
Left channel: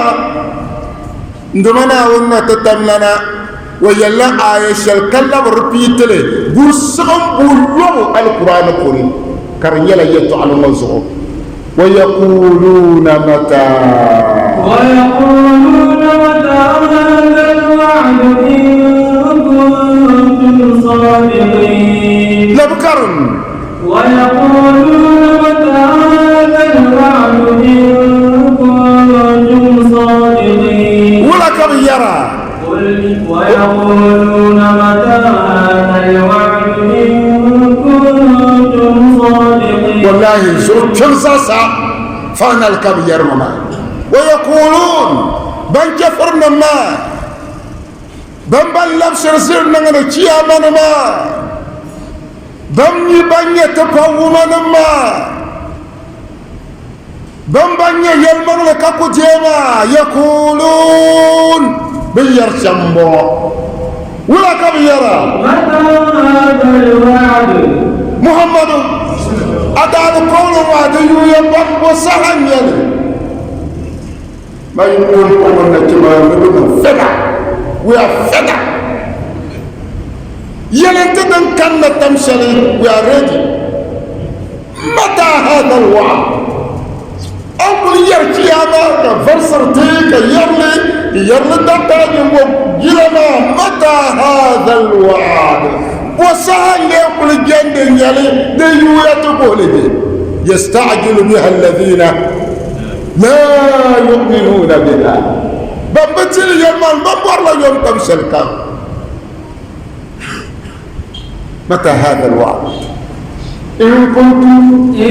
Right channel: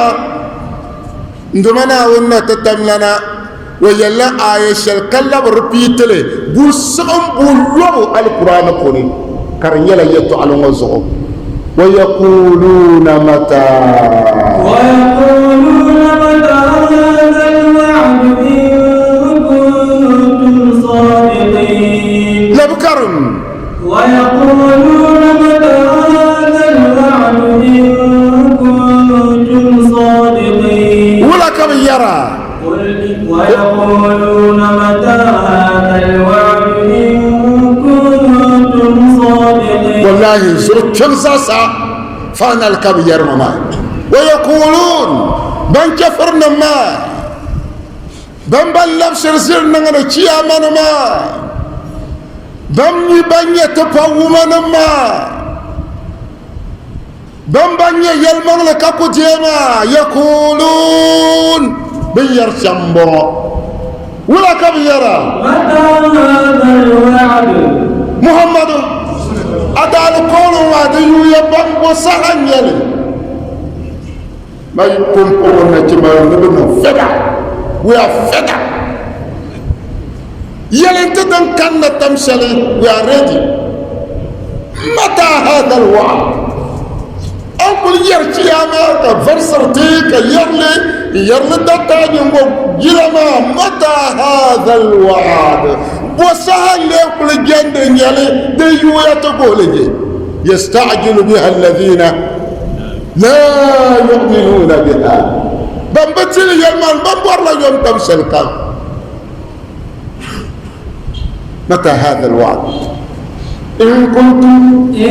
ndumana wonna tatamlana ويلا آية الكلام ربيتله بوسم بولو القرآن كوني كرنيلا يتو على مزعو ويقولون متى ويقولون متى هذا الوعد إن كنتم صادقين لبكرم ويقولون متى هذا الوعد إن كنتم صادقين ولكم يرى ويقولون متى هذا الوعد إن كنتم صادقين والله زرت تنسى فانا الكبير مما ويقولون بن كفرنا ما بن لبسر سرنا نتشيا من ما بن يتفو من ما بن يلمن لكاكو جيما يقولون بير شمبو ولا كبيرا متى هذا الوعد محمد أدار قول وعده يبقى وسهن يلي ما يقول قولنا كما نبنى فدع ويفدع يلي تدن كان تمثلي يا رجل متى هذا الوعد أقول يرتي يا مارك فرصرتيك يرلي دقاني وجلما متى هذا الوعد وسهل يقول الجند يلي ديوية تقول يستعجل بها الذين لا يؤمنون بها بمبتل يمان بمبر لا يوم تمثل كان متى هذا الوعد إن كنتم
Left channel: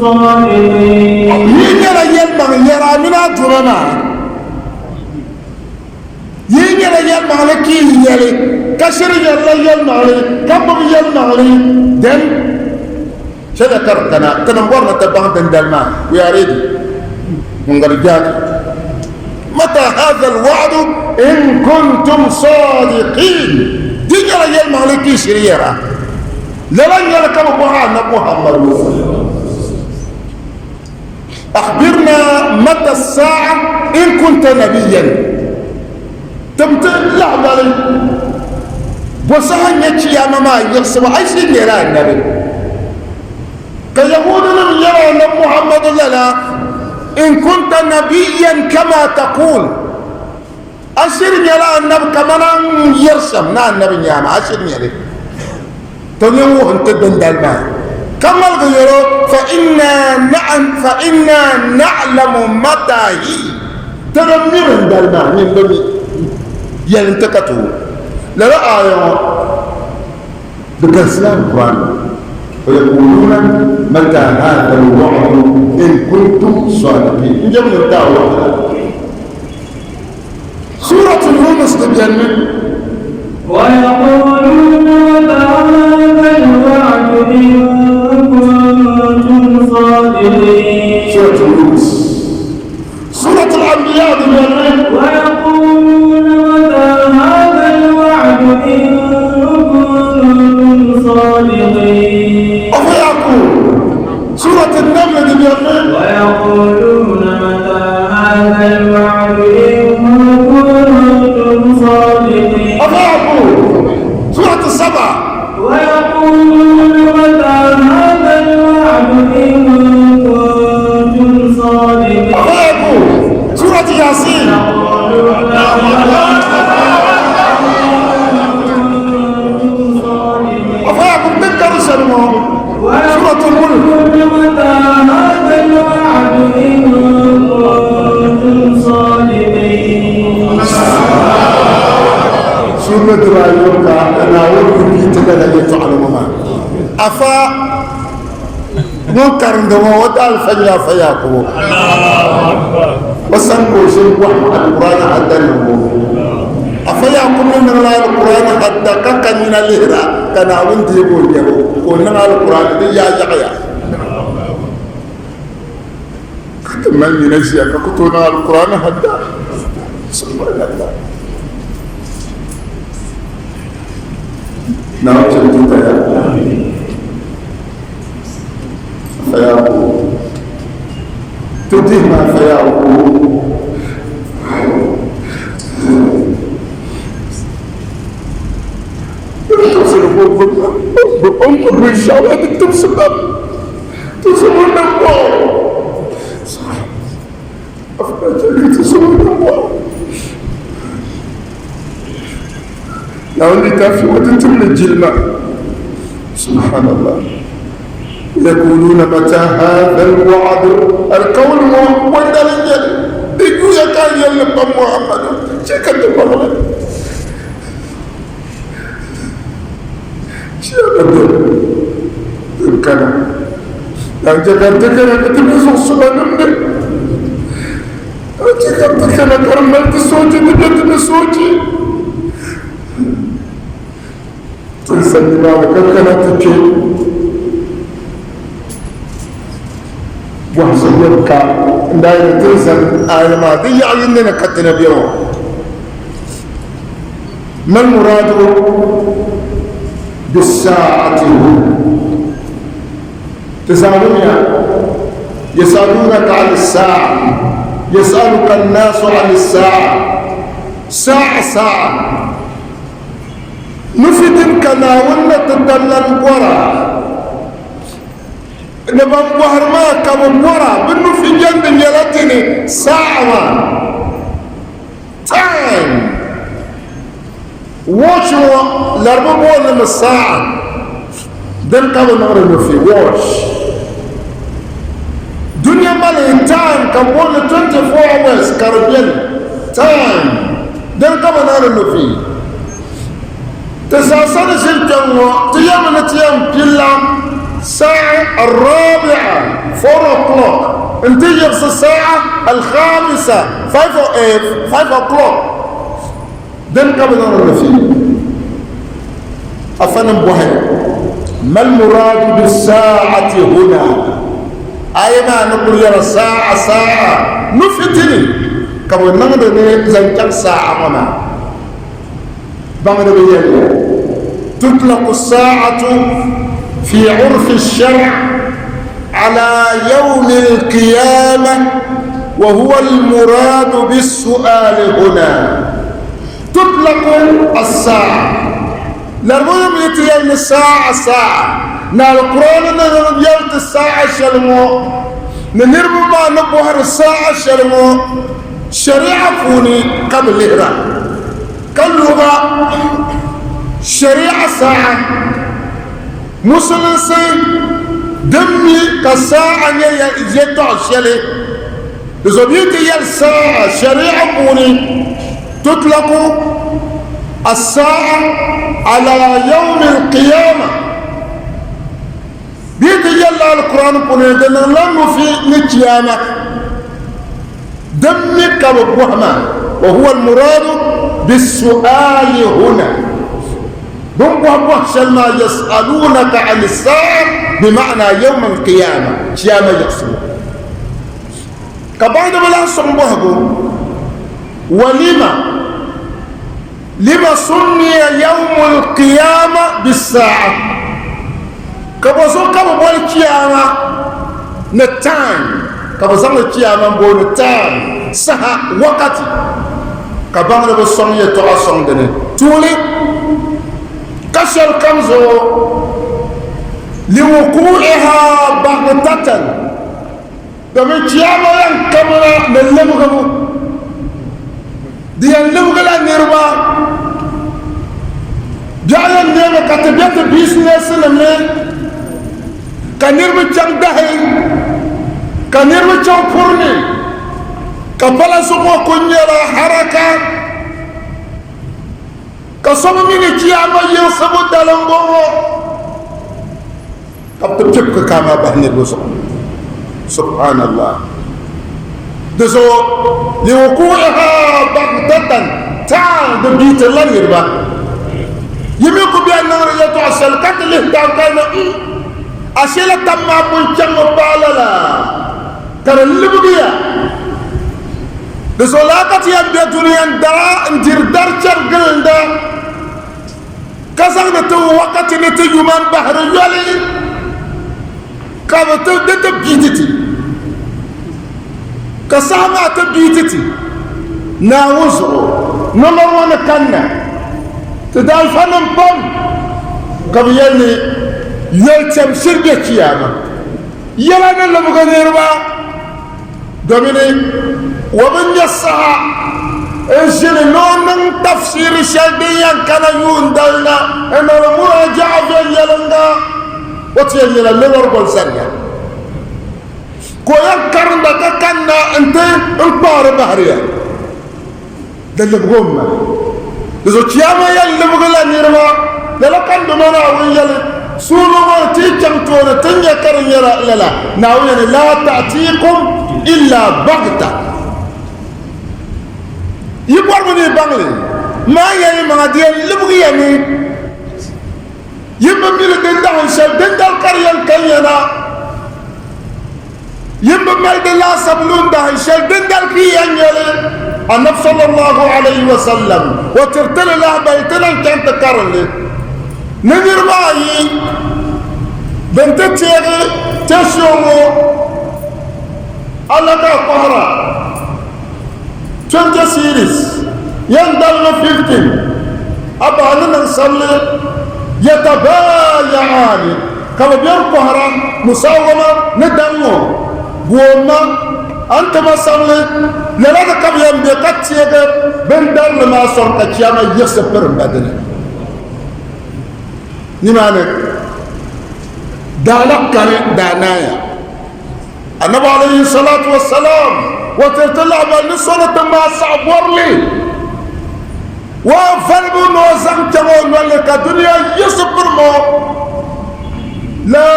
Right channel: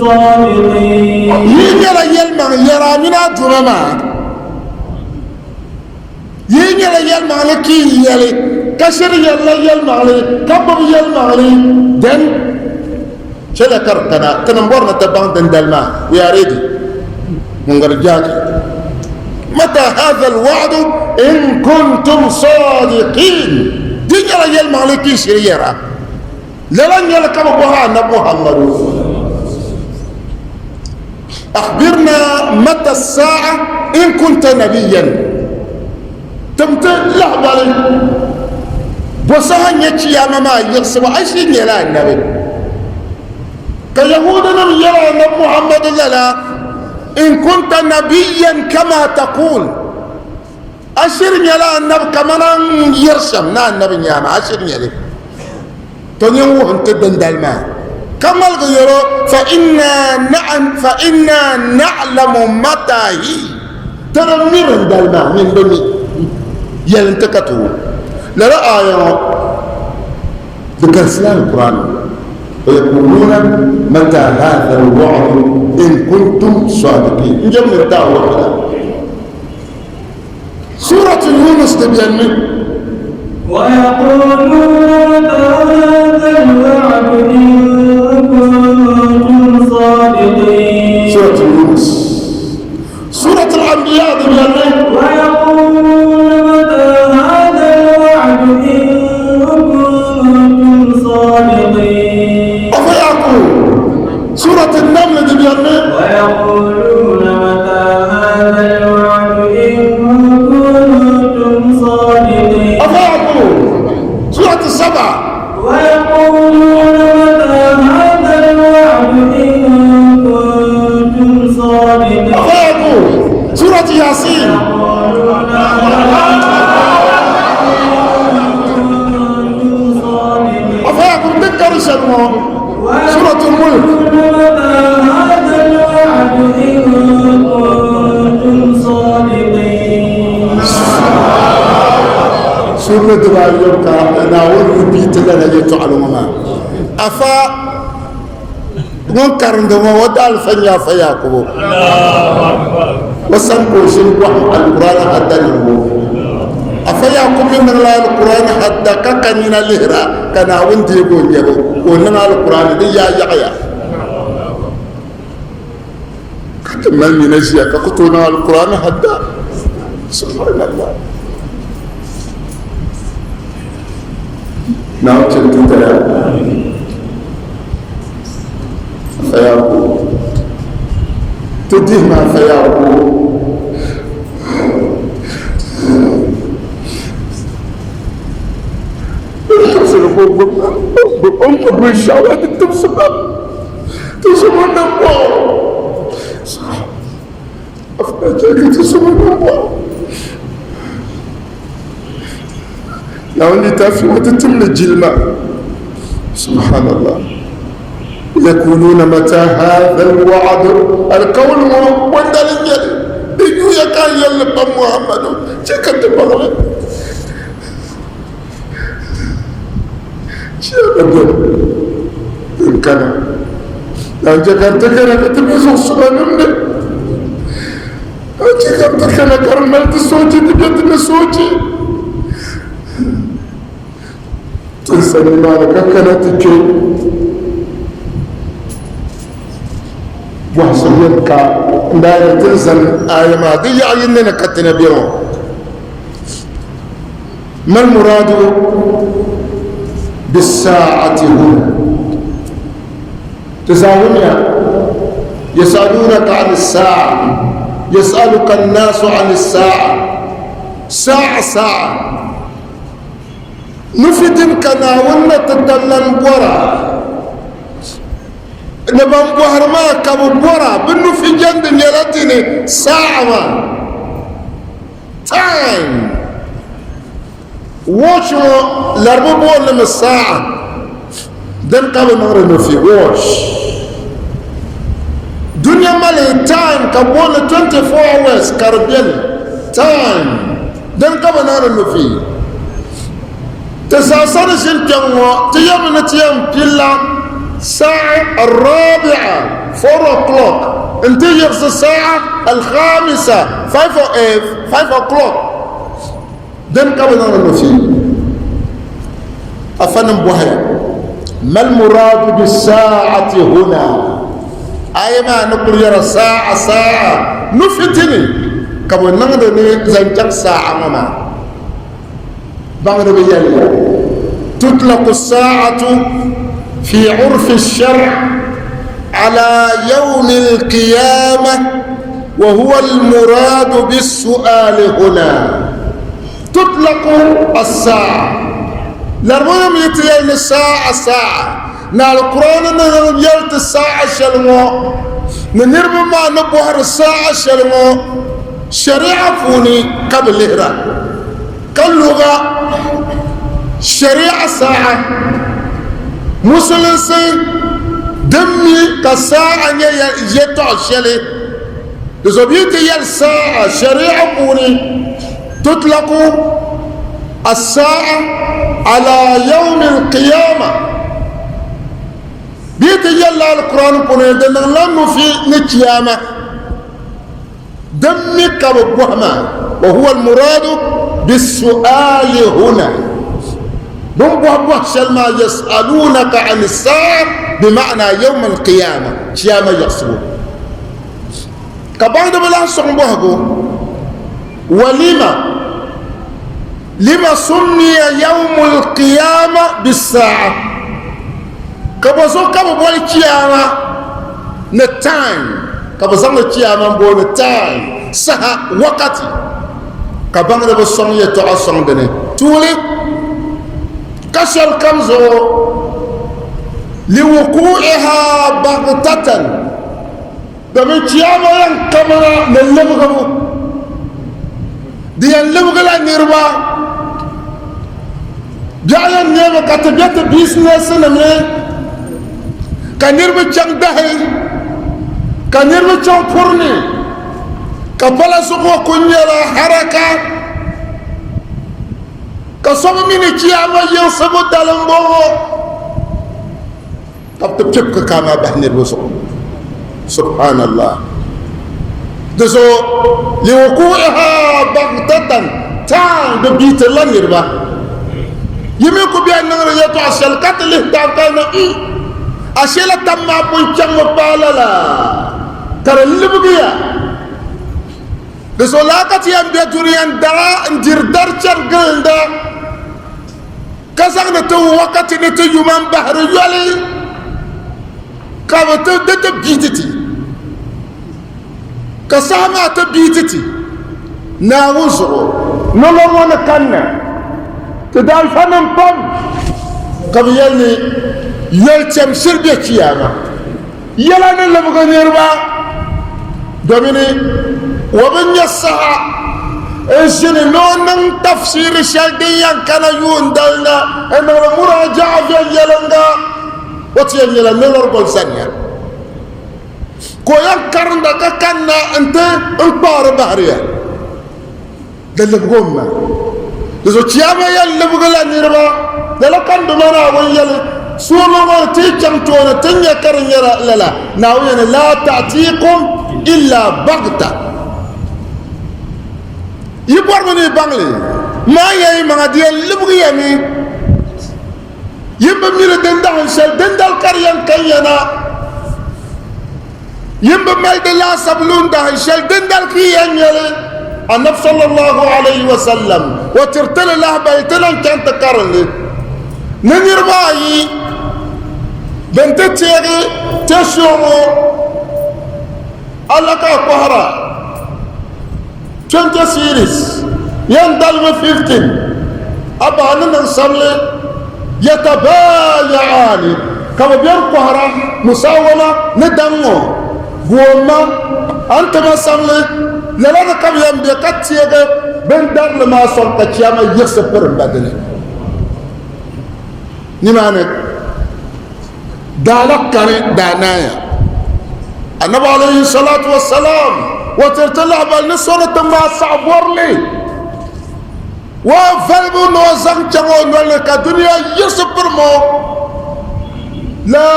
صادقين يرى يلمان يرى من أدرنا ينير يلمان لكي يلي كسر يلمان كبر يلمان دن شذا كرتنا تنبورنا تبان دندلنا يا ريدي من غرجات متى هذا الوعد إن كنتم صادقين دنيا يلمان لكي سريرا لن يلكم قرآن محمد أخبرنا متى الساعة إن كنت نبيا تمتن لا بالي وسهل يكشي يا ماما يرسم عشرين يرى النبي كيهودنا يرى النبي محمد لنا إن كنت نبيا كما تقول عشرين يرى النبي كما يرسم نا النبي يانا عشرين يرى تنيوه انت دندالما كما الغيرو فإنا نعلم متى هي ترمي من دالما من بني ينتكتو لا آية بكسلان القرآن ويقولون متى هذا الوعد إن كنتم صادقين نجمع الدعوة سورة يونس تبين ويقولون متى هذا الوعد إن كنتم صادقين سورة يونس سورة الأنبياء تبين ويقولون متى هذا الوعد إن كنتم صادقين أفيقول سورة النمل تبين ويقولون متى هذا الوعد إن كنتم صادقين أفيقول سورة السبع ويقولون متى هذا الوعد إن كنتم صادقين أفيقول سورة ياسين أفيقول تذكر سنة سورة الملك متى هذا الوعد إن كنتم صادقين سورة الأيوب أنا أقول بيت لنا يتعلمها أفا منكر عندما وضع الفنيا فياكو بس أنكو شيء واحد القرآن حتى نمو أفياكو من الله القرآن حتى كان الهرا كان أوندي يقول جلو ونما القرآن دي يا يحيى كمان من أشياء كتونا القرآن حتى سبحان الله نعم كنت فيقول تدهنا فيقول بالشهوات تكتب سبب تسمون الله أفناجك تسمون الله لو أني تافي وتتم الجلمة سبحان الله يقولون متى هذا الوعد القول وندل يل يقول يا كان يل محمد شكت الله شكت يمكن أن تكرر كتبه سبحانه أتكلم كرمت صوتي بدت صوتي تسمع كانت تجي وحسبك دار تنزل آية ما دي عيننا كتنا بيرو ما المراد بالساعة هنا يسألونك عن الساعة يسألك الناس عن الساعة ساعة نفتن كنا ونتدلن برا نبان بوهر ما كم برا بنو في جنب يلتني ساعة time watch لربو لما الساعة دن كم نغرب في watch دنيا مالي time كبون 24 hours كاربيل time دن كم نغرب في تساسر سلطنوا تيام بلا الساعة 4 o'clock انت يغس الساعة 5 o'clock دن كم نغرب في أفنم بوهي ما المراد بالساعة هنا أي ما نقول يا ساعة نفتني كم نغرب زنجك ساعة ماما تطلق الساعة في عرف الشرع على يوم القيامة وهو المراد بالسؤال هنا تطلق الساعة لرغم يتيين الساعة نا القرآن نربيت الساعة شلمو نربو ما نبوهر الساعة شلمو شريعة فوني قبل الهرام كاللغة شريعة ساعة مسلسي دمي كساعة يجتع شلي بزبيت الساعة شريعة بوني تطلق الساعة على يوم القيامة بيت يلا القرآن بوني دنلم في القيامة دمي كببوهما وهو المراد بالسؤال هنا بمبوح سلمى يسألونك عن الساعة بمعنى يوم القيامة قيامة يحسبون كبعد بلا صنبوه لما سمي يوم القيامة بالساعة كبزو كبوي قيامة نتان كبزو القيامة بو نتان سها وقتي كبعد بسمي تعصر بني تولي كسر كمزو لوقوعها بغتة دمي قيامة ينكمنا من لمغمو دي اللمغلا نيربا جاية نيربا كتبيت بيسنس نمي كنيربا چنگ دهي كنيربا چنگ پورني كبالا سوكو كنيرا حركة كسومي مني قيامة ينصبو دلنبو تبتبك كاما بحني الوسط سبحان الله دسو لوقوعها بغتة تان ببيت اللن يربا يميكو بيان نغر يتو عسل قتل اهتاقانا أشيلة تما بنشان مبالا ترى اللي بقيا دسو لاقت ينبيا دنيان دارا انجر دار چرگل دا كسان نتو وقت نتو يمان بحر يالي كابتو دت بيتتي كسامة تبيتتي ناوزرو نلوان كنا تدال فنم بام قبيلني يلتم سرقة كياما يلا نلم غيربا دوميني ومن يسعى إنسان نون تفسير شديا كان يوندلنا أن المراجعة في يلنغا وتيجي لنا نرجع سنيا كويان كارندا كنا أنت البار بحرية دل بقومنا إذا تياما يلي بقولا نيرما دل كان دمنا ويلي سونو ما تيجي تونا تنيا كارن يلا لا ناوين لا تأتيكم إلا بغتة يبغوني بانلي ما يجي ما ديال لبغي يعني يبغى دندال شل دندال كاريان كيانا يبغى دلا سبلون ده شل دندال كيان يلا النبي صلى الله عليه وسلم وترتل الله بيتنا كان تكرر نمر باي بنت تيري تشوفه الله كقهرة 20 series يندل 15 أبانا نصلي يتبايعان كما بيان قهرة مساومة ندمو بوما أنت ما صلي للا كم يمدي كتيجة بندر لما صرت كياما يسفر بدنا نمانك دالك كان دانايا النبي عليه الصلاة والسلام وترتلع بالنصرة ما صعب ورلي وفلبو نوزن جمعون ملك الدنيا يسبر مو لا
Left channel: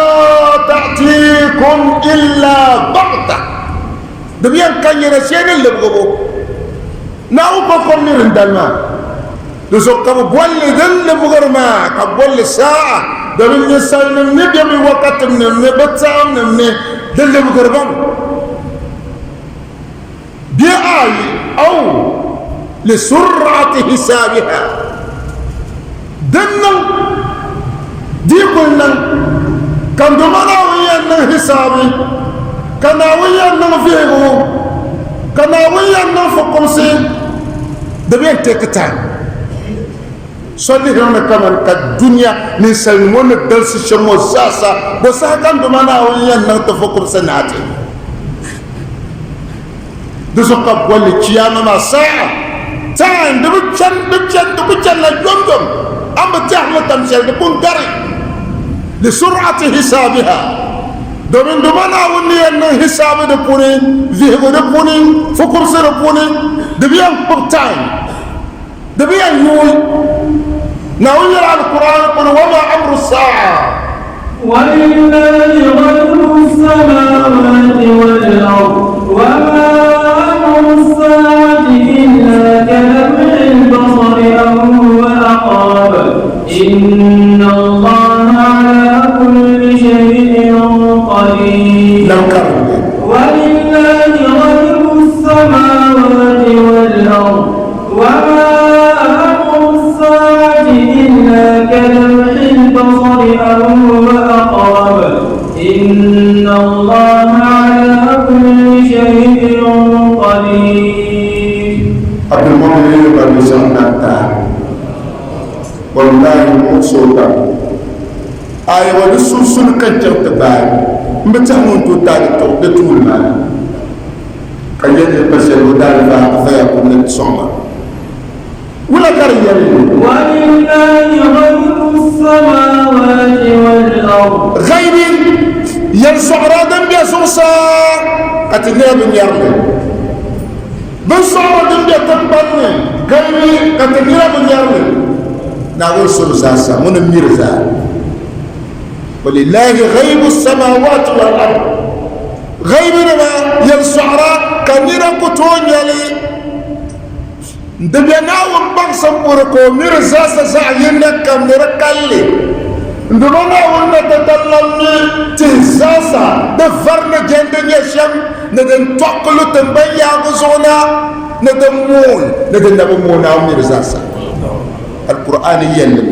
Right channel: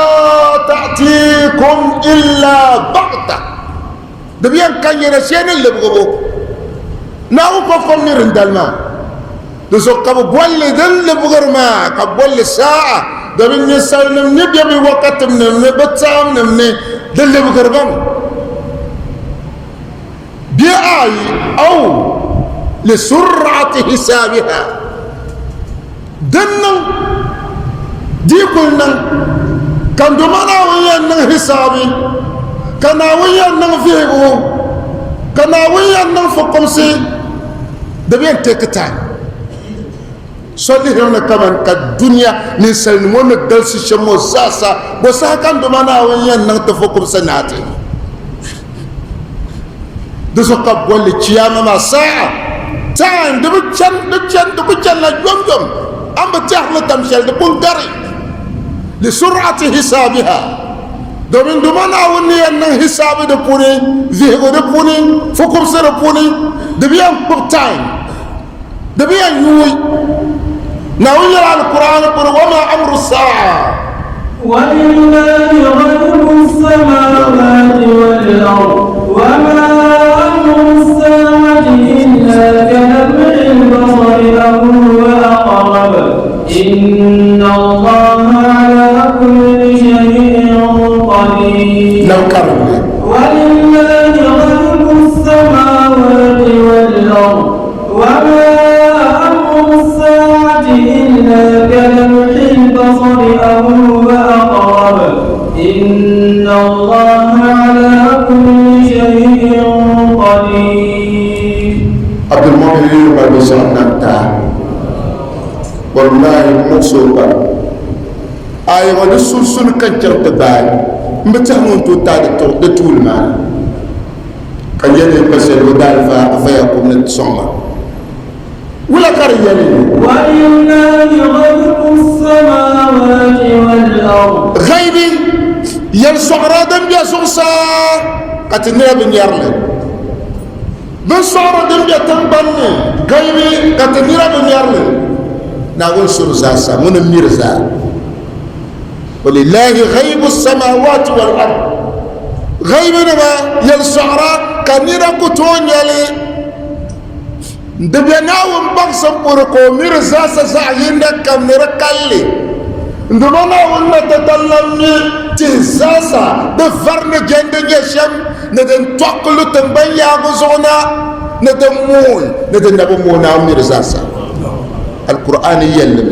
تأتيكم إلا بغتة دبيان كان ينسين اللي بغبو ناو كفر نيرن دالما دسو كبو بولي دل بغرما كبولي ساعة دبين يسال نمني بيمي وقت نمني بتسام نمني دل بغربان بأي أو لسرعة حسابها دنا دي كلنا كان دمنا ويانا حسابي كان ويانا فيه كان ويانا فقمسي دبين تكتان صلي هنا كمان كالدنيا نسلمون الدرس شمو ساسا بس كان دمنا ويانا تفكر سناتي دسوكا بولي تياما ما ساعة تان دبتشان لا جمجم أم بتحمل تمشي دبون داري لسرعة حسابها دومين دومان أولي أن حساب دبوني ذهب دبوني فكر سدبوني دبيان بقتاين دبيان يوي نقول على القرآن يقول وما أمر الساعة ولله غيب السماوات والأرض وما أمر الساعة إلا كلمح البصر أو هو أقرب إن الله على كل شيء قدير ولله غيب السماوات والأرض وما أمر الساعة إلا كلمح البصر أو هو أقرب إن الله على كل شيء قدير. عبد المؤمن يقول بسرعة والله مقصودا أي ولسول سول كنجر تدار متهمون تدار تطول معنا كان يدي بسر ودار فيكون الصمت ولا كريالي ولله غيب السماوات والأرض غيبي يرسع رادم بيسوسا كتنير بن يرلي بسع رادم بيتنبني غيبي كتنير بن يرلي نقول سرزاسا من الميرزا ولله غيب السماوات والأرض غيبي نما يرسع كنير كتون يلي ndebyanawun baksan burko mirza sa sa'yin kam nirkalli ndumana na tatallamni tizasa de farne gende nyesham ne den toklu tambaya gozona ne den mun ne den nabu muna mirza sa alquran yalli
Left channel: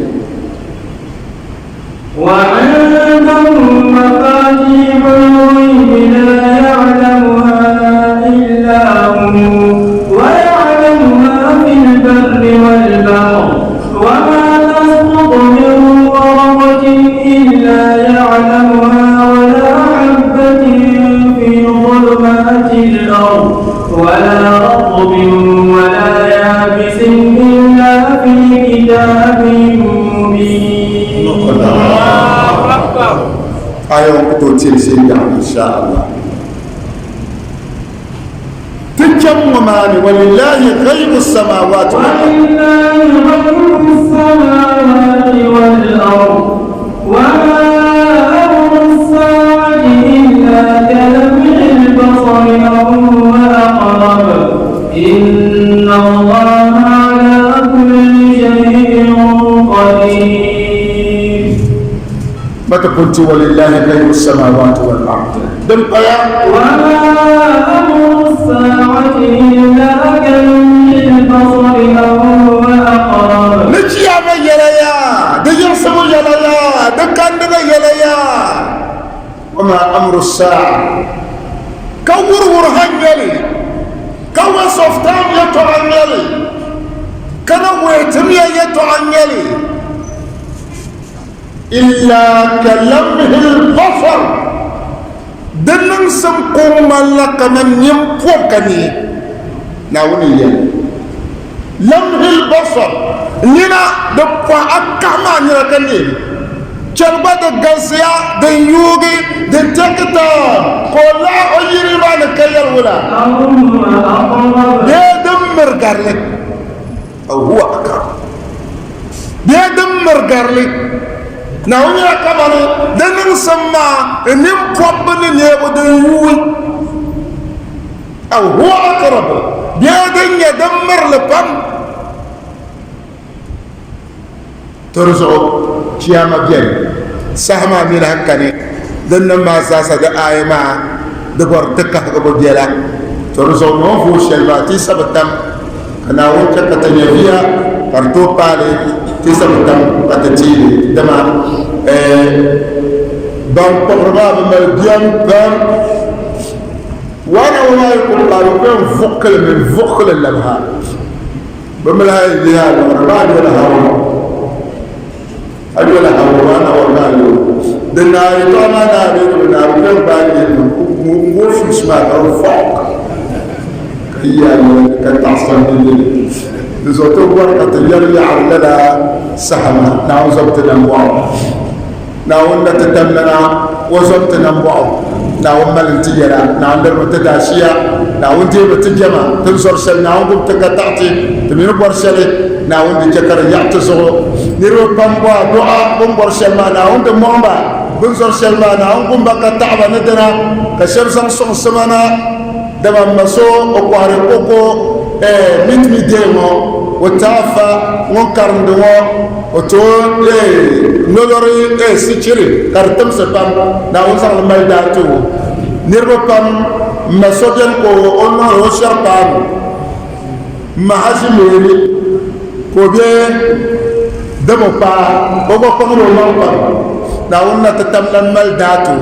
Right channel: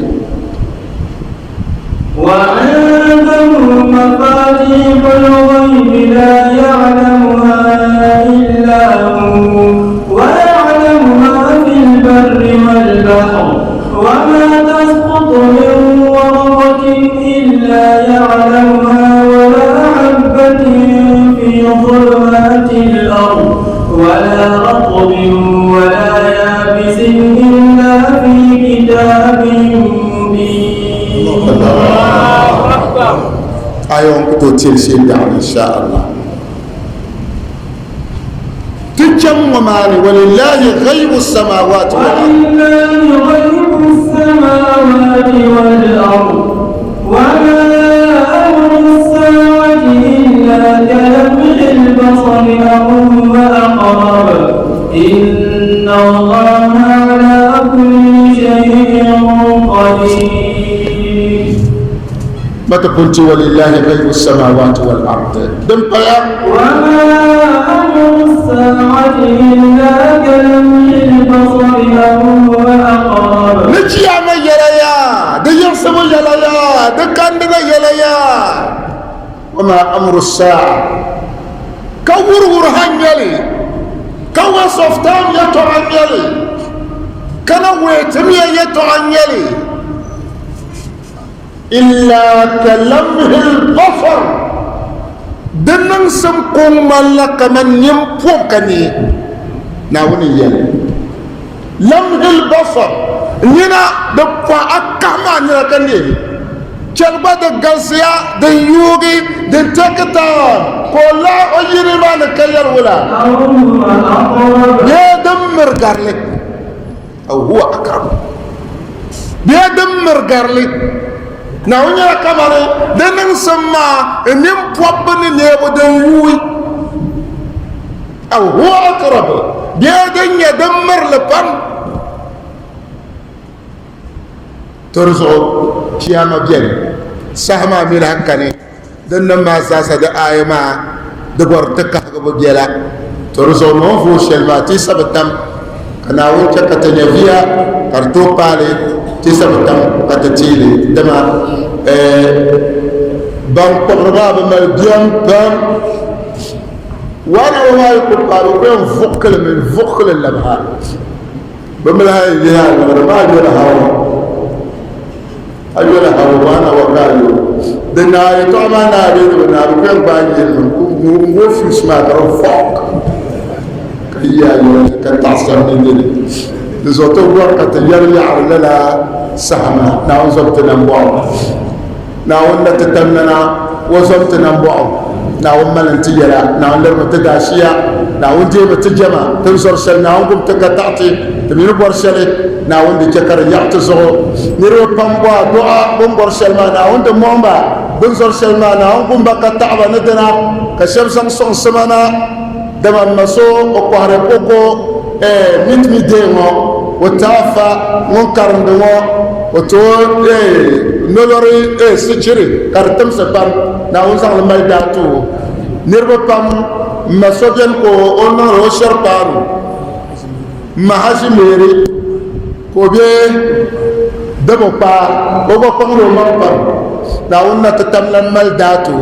wa indahum mafatihul ghaib la ya'lamuha illa hu البر والبحر وما تسقط من ورقة إلا يعلمها ولا حبة تلسين إن شاء الله تجمع معنا ولله غيب السماوات ولله غيب السماوات والأرض وما أمر الساعة إلا كلمح البصر أو هو أقرب إن الله على كل شيء قدير. ما تقولت ولله غيب السماوات والأرض دم قيام وما أمر الساعة إلا كلمح البصر أو هو أقرب. نجي عمل يليا دي يحسب يليا دي كندنا يليا. وما أمر الساعة كور ورهان يلي كوا صفتان يتوعن يلي كنا ويتمية يتوعن يلي إلا كلمه البصر دنن سمكم ملك من يمفوكني ناوني يلي لمه البصر نينا دفع أكما نيكني جلبة الجنسية دن يوغي دن تكتا كلا أجري ما نكير ولا يدمر قارلك أو هو أقرب يدمر قارلك ناونا كمان دنن سما نم قبل نيبو دن يوغي أو هو أقرب يدمر لبن ترزو كياما بيان سهما ميلان كاني دن ما ساسا دا آيما دبور تكا كبو بيالا ترزو موفو شلواتي سبتم أنا وجه كتنيفيا كارتو بالي تسبتم كتتيلي دما بان قرنا بما بيان بان وانا وما يقول قالوا بيان فقل من فقل اللبها بملها اللي هذا وربان لها أجولا هوانا وقالوا دنار طعما ناري ونار كل باقي وفي اسمها فوق هي كانت عصام ديني نزوتو ورقة يرجع لنا سهمة ناو زبط نمبوع ناو نتتمنا وزبط نمبوع ناو ملن تجرا ناو نرمى تداشيا ناو نجيب تجمع تنصر سل ناو قم تقطعتي تمين بورسلي ناو نجكر يعتزغو نيرو بامبوا دعاء بمبور سلما ناو نمومبا بنصر سلما ناو قم بقى تعبا ندنا كشمسان صن سمانا دما مسو وقوار كوكو ميت ميديمو وتافا منكر ندوا وتون نولوري سيجري ترتم سبام ناو نصر الميداتو نيرو بام مسو جنكو اونو روشر بام mahazimeri kobe demo pa bogo pangro mangpa na wonna tatamlan mal datu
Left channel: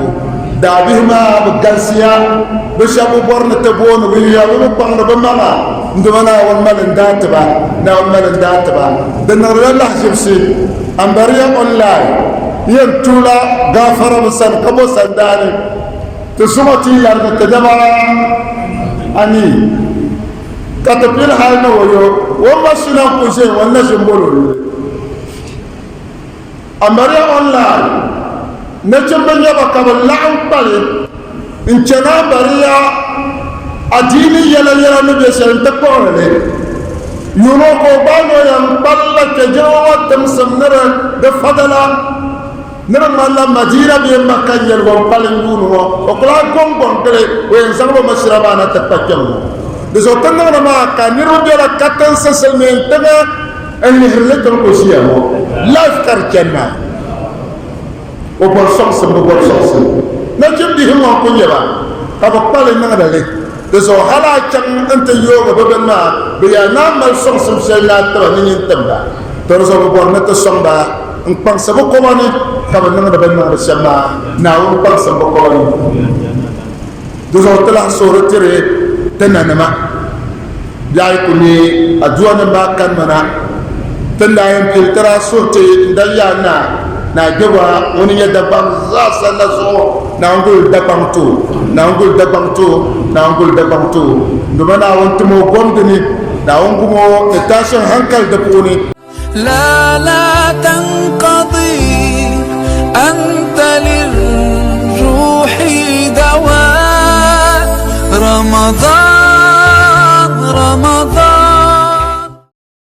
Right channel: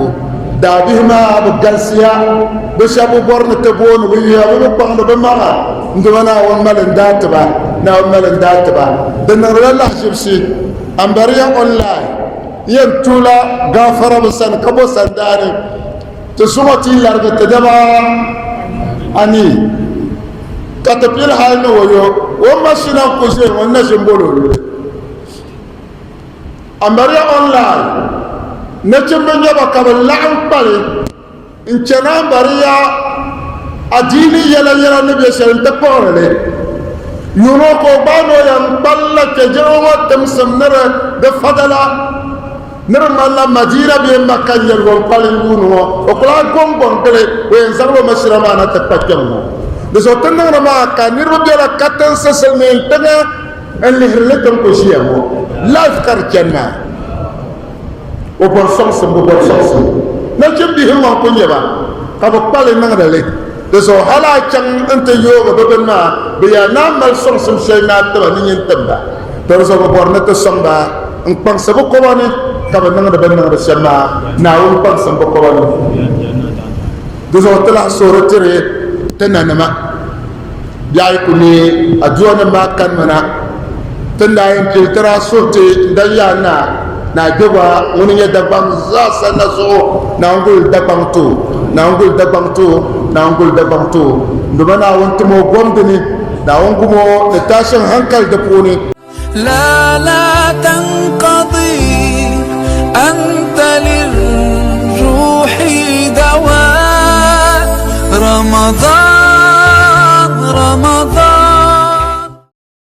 dabihma bugansiya bishabu borna tabon wiya bu pangno bamama ndwana won mal datba na won mal datba dan Allah jibsi ambariya online yen tula gafara musan kabo sandani to sumati larga tadama ani katapil halna wayo wama sina kuse wanna simbolo amara online nachambanya bakabal la'an pali inchana bariya adini yala yala nabi sallallahu takore yuno ko bano yan palla ke jawa tamsamnara da fadala nara malla madina bi makkan yel gon palin duno o kala gon gon pele o en sango masraba na tapakam de so tan na ma ka ni robe la katan sasel men tega en ni hletam ko siya mo laf kar kenna o bor som bor som na jindi himma ko nyeba ta ko pale na dale de so hala chan ante yoga be ma be ya na mal som sey na tra ni ni tamba to so bor na to somba en pang sa ko woni ta ba na da ban na sama na on pang sa ko woni de so tala so retire tenanama yaay ko ni aduna ma kan na tendayen filtra sote ndaya na deba woni ya dabam za sana so na ngul dabam to na ngul dabam to na ngul dabam to nduma na wonto mo gondini na wongumo de tashin hankal da puni لا تنقضي أنت للروح رمضان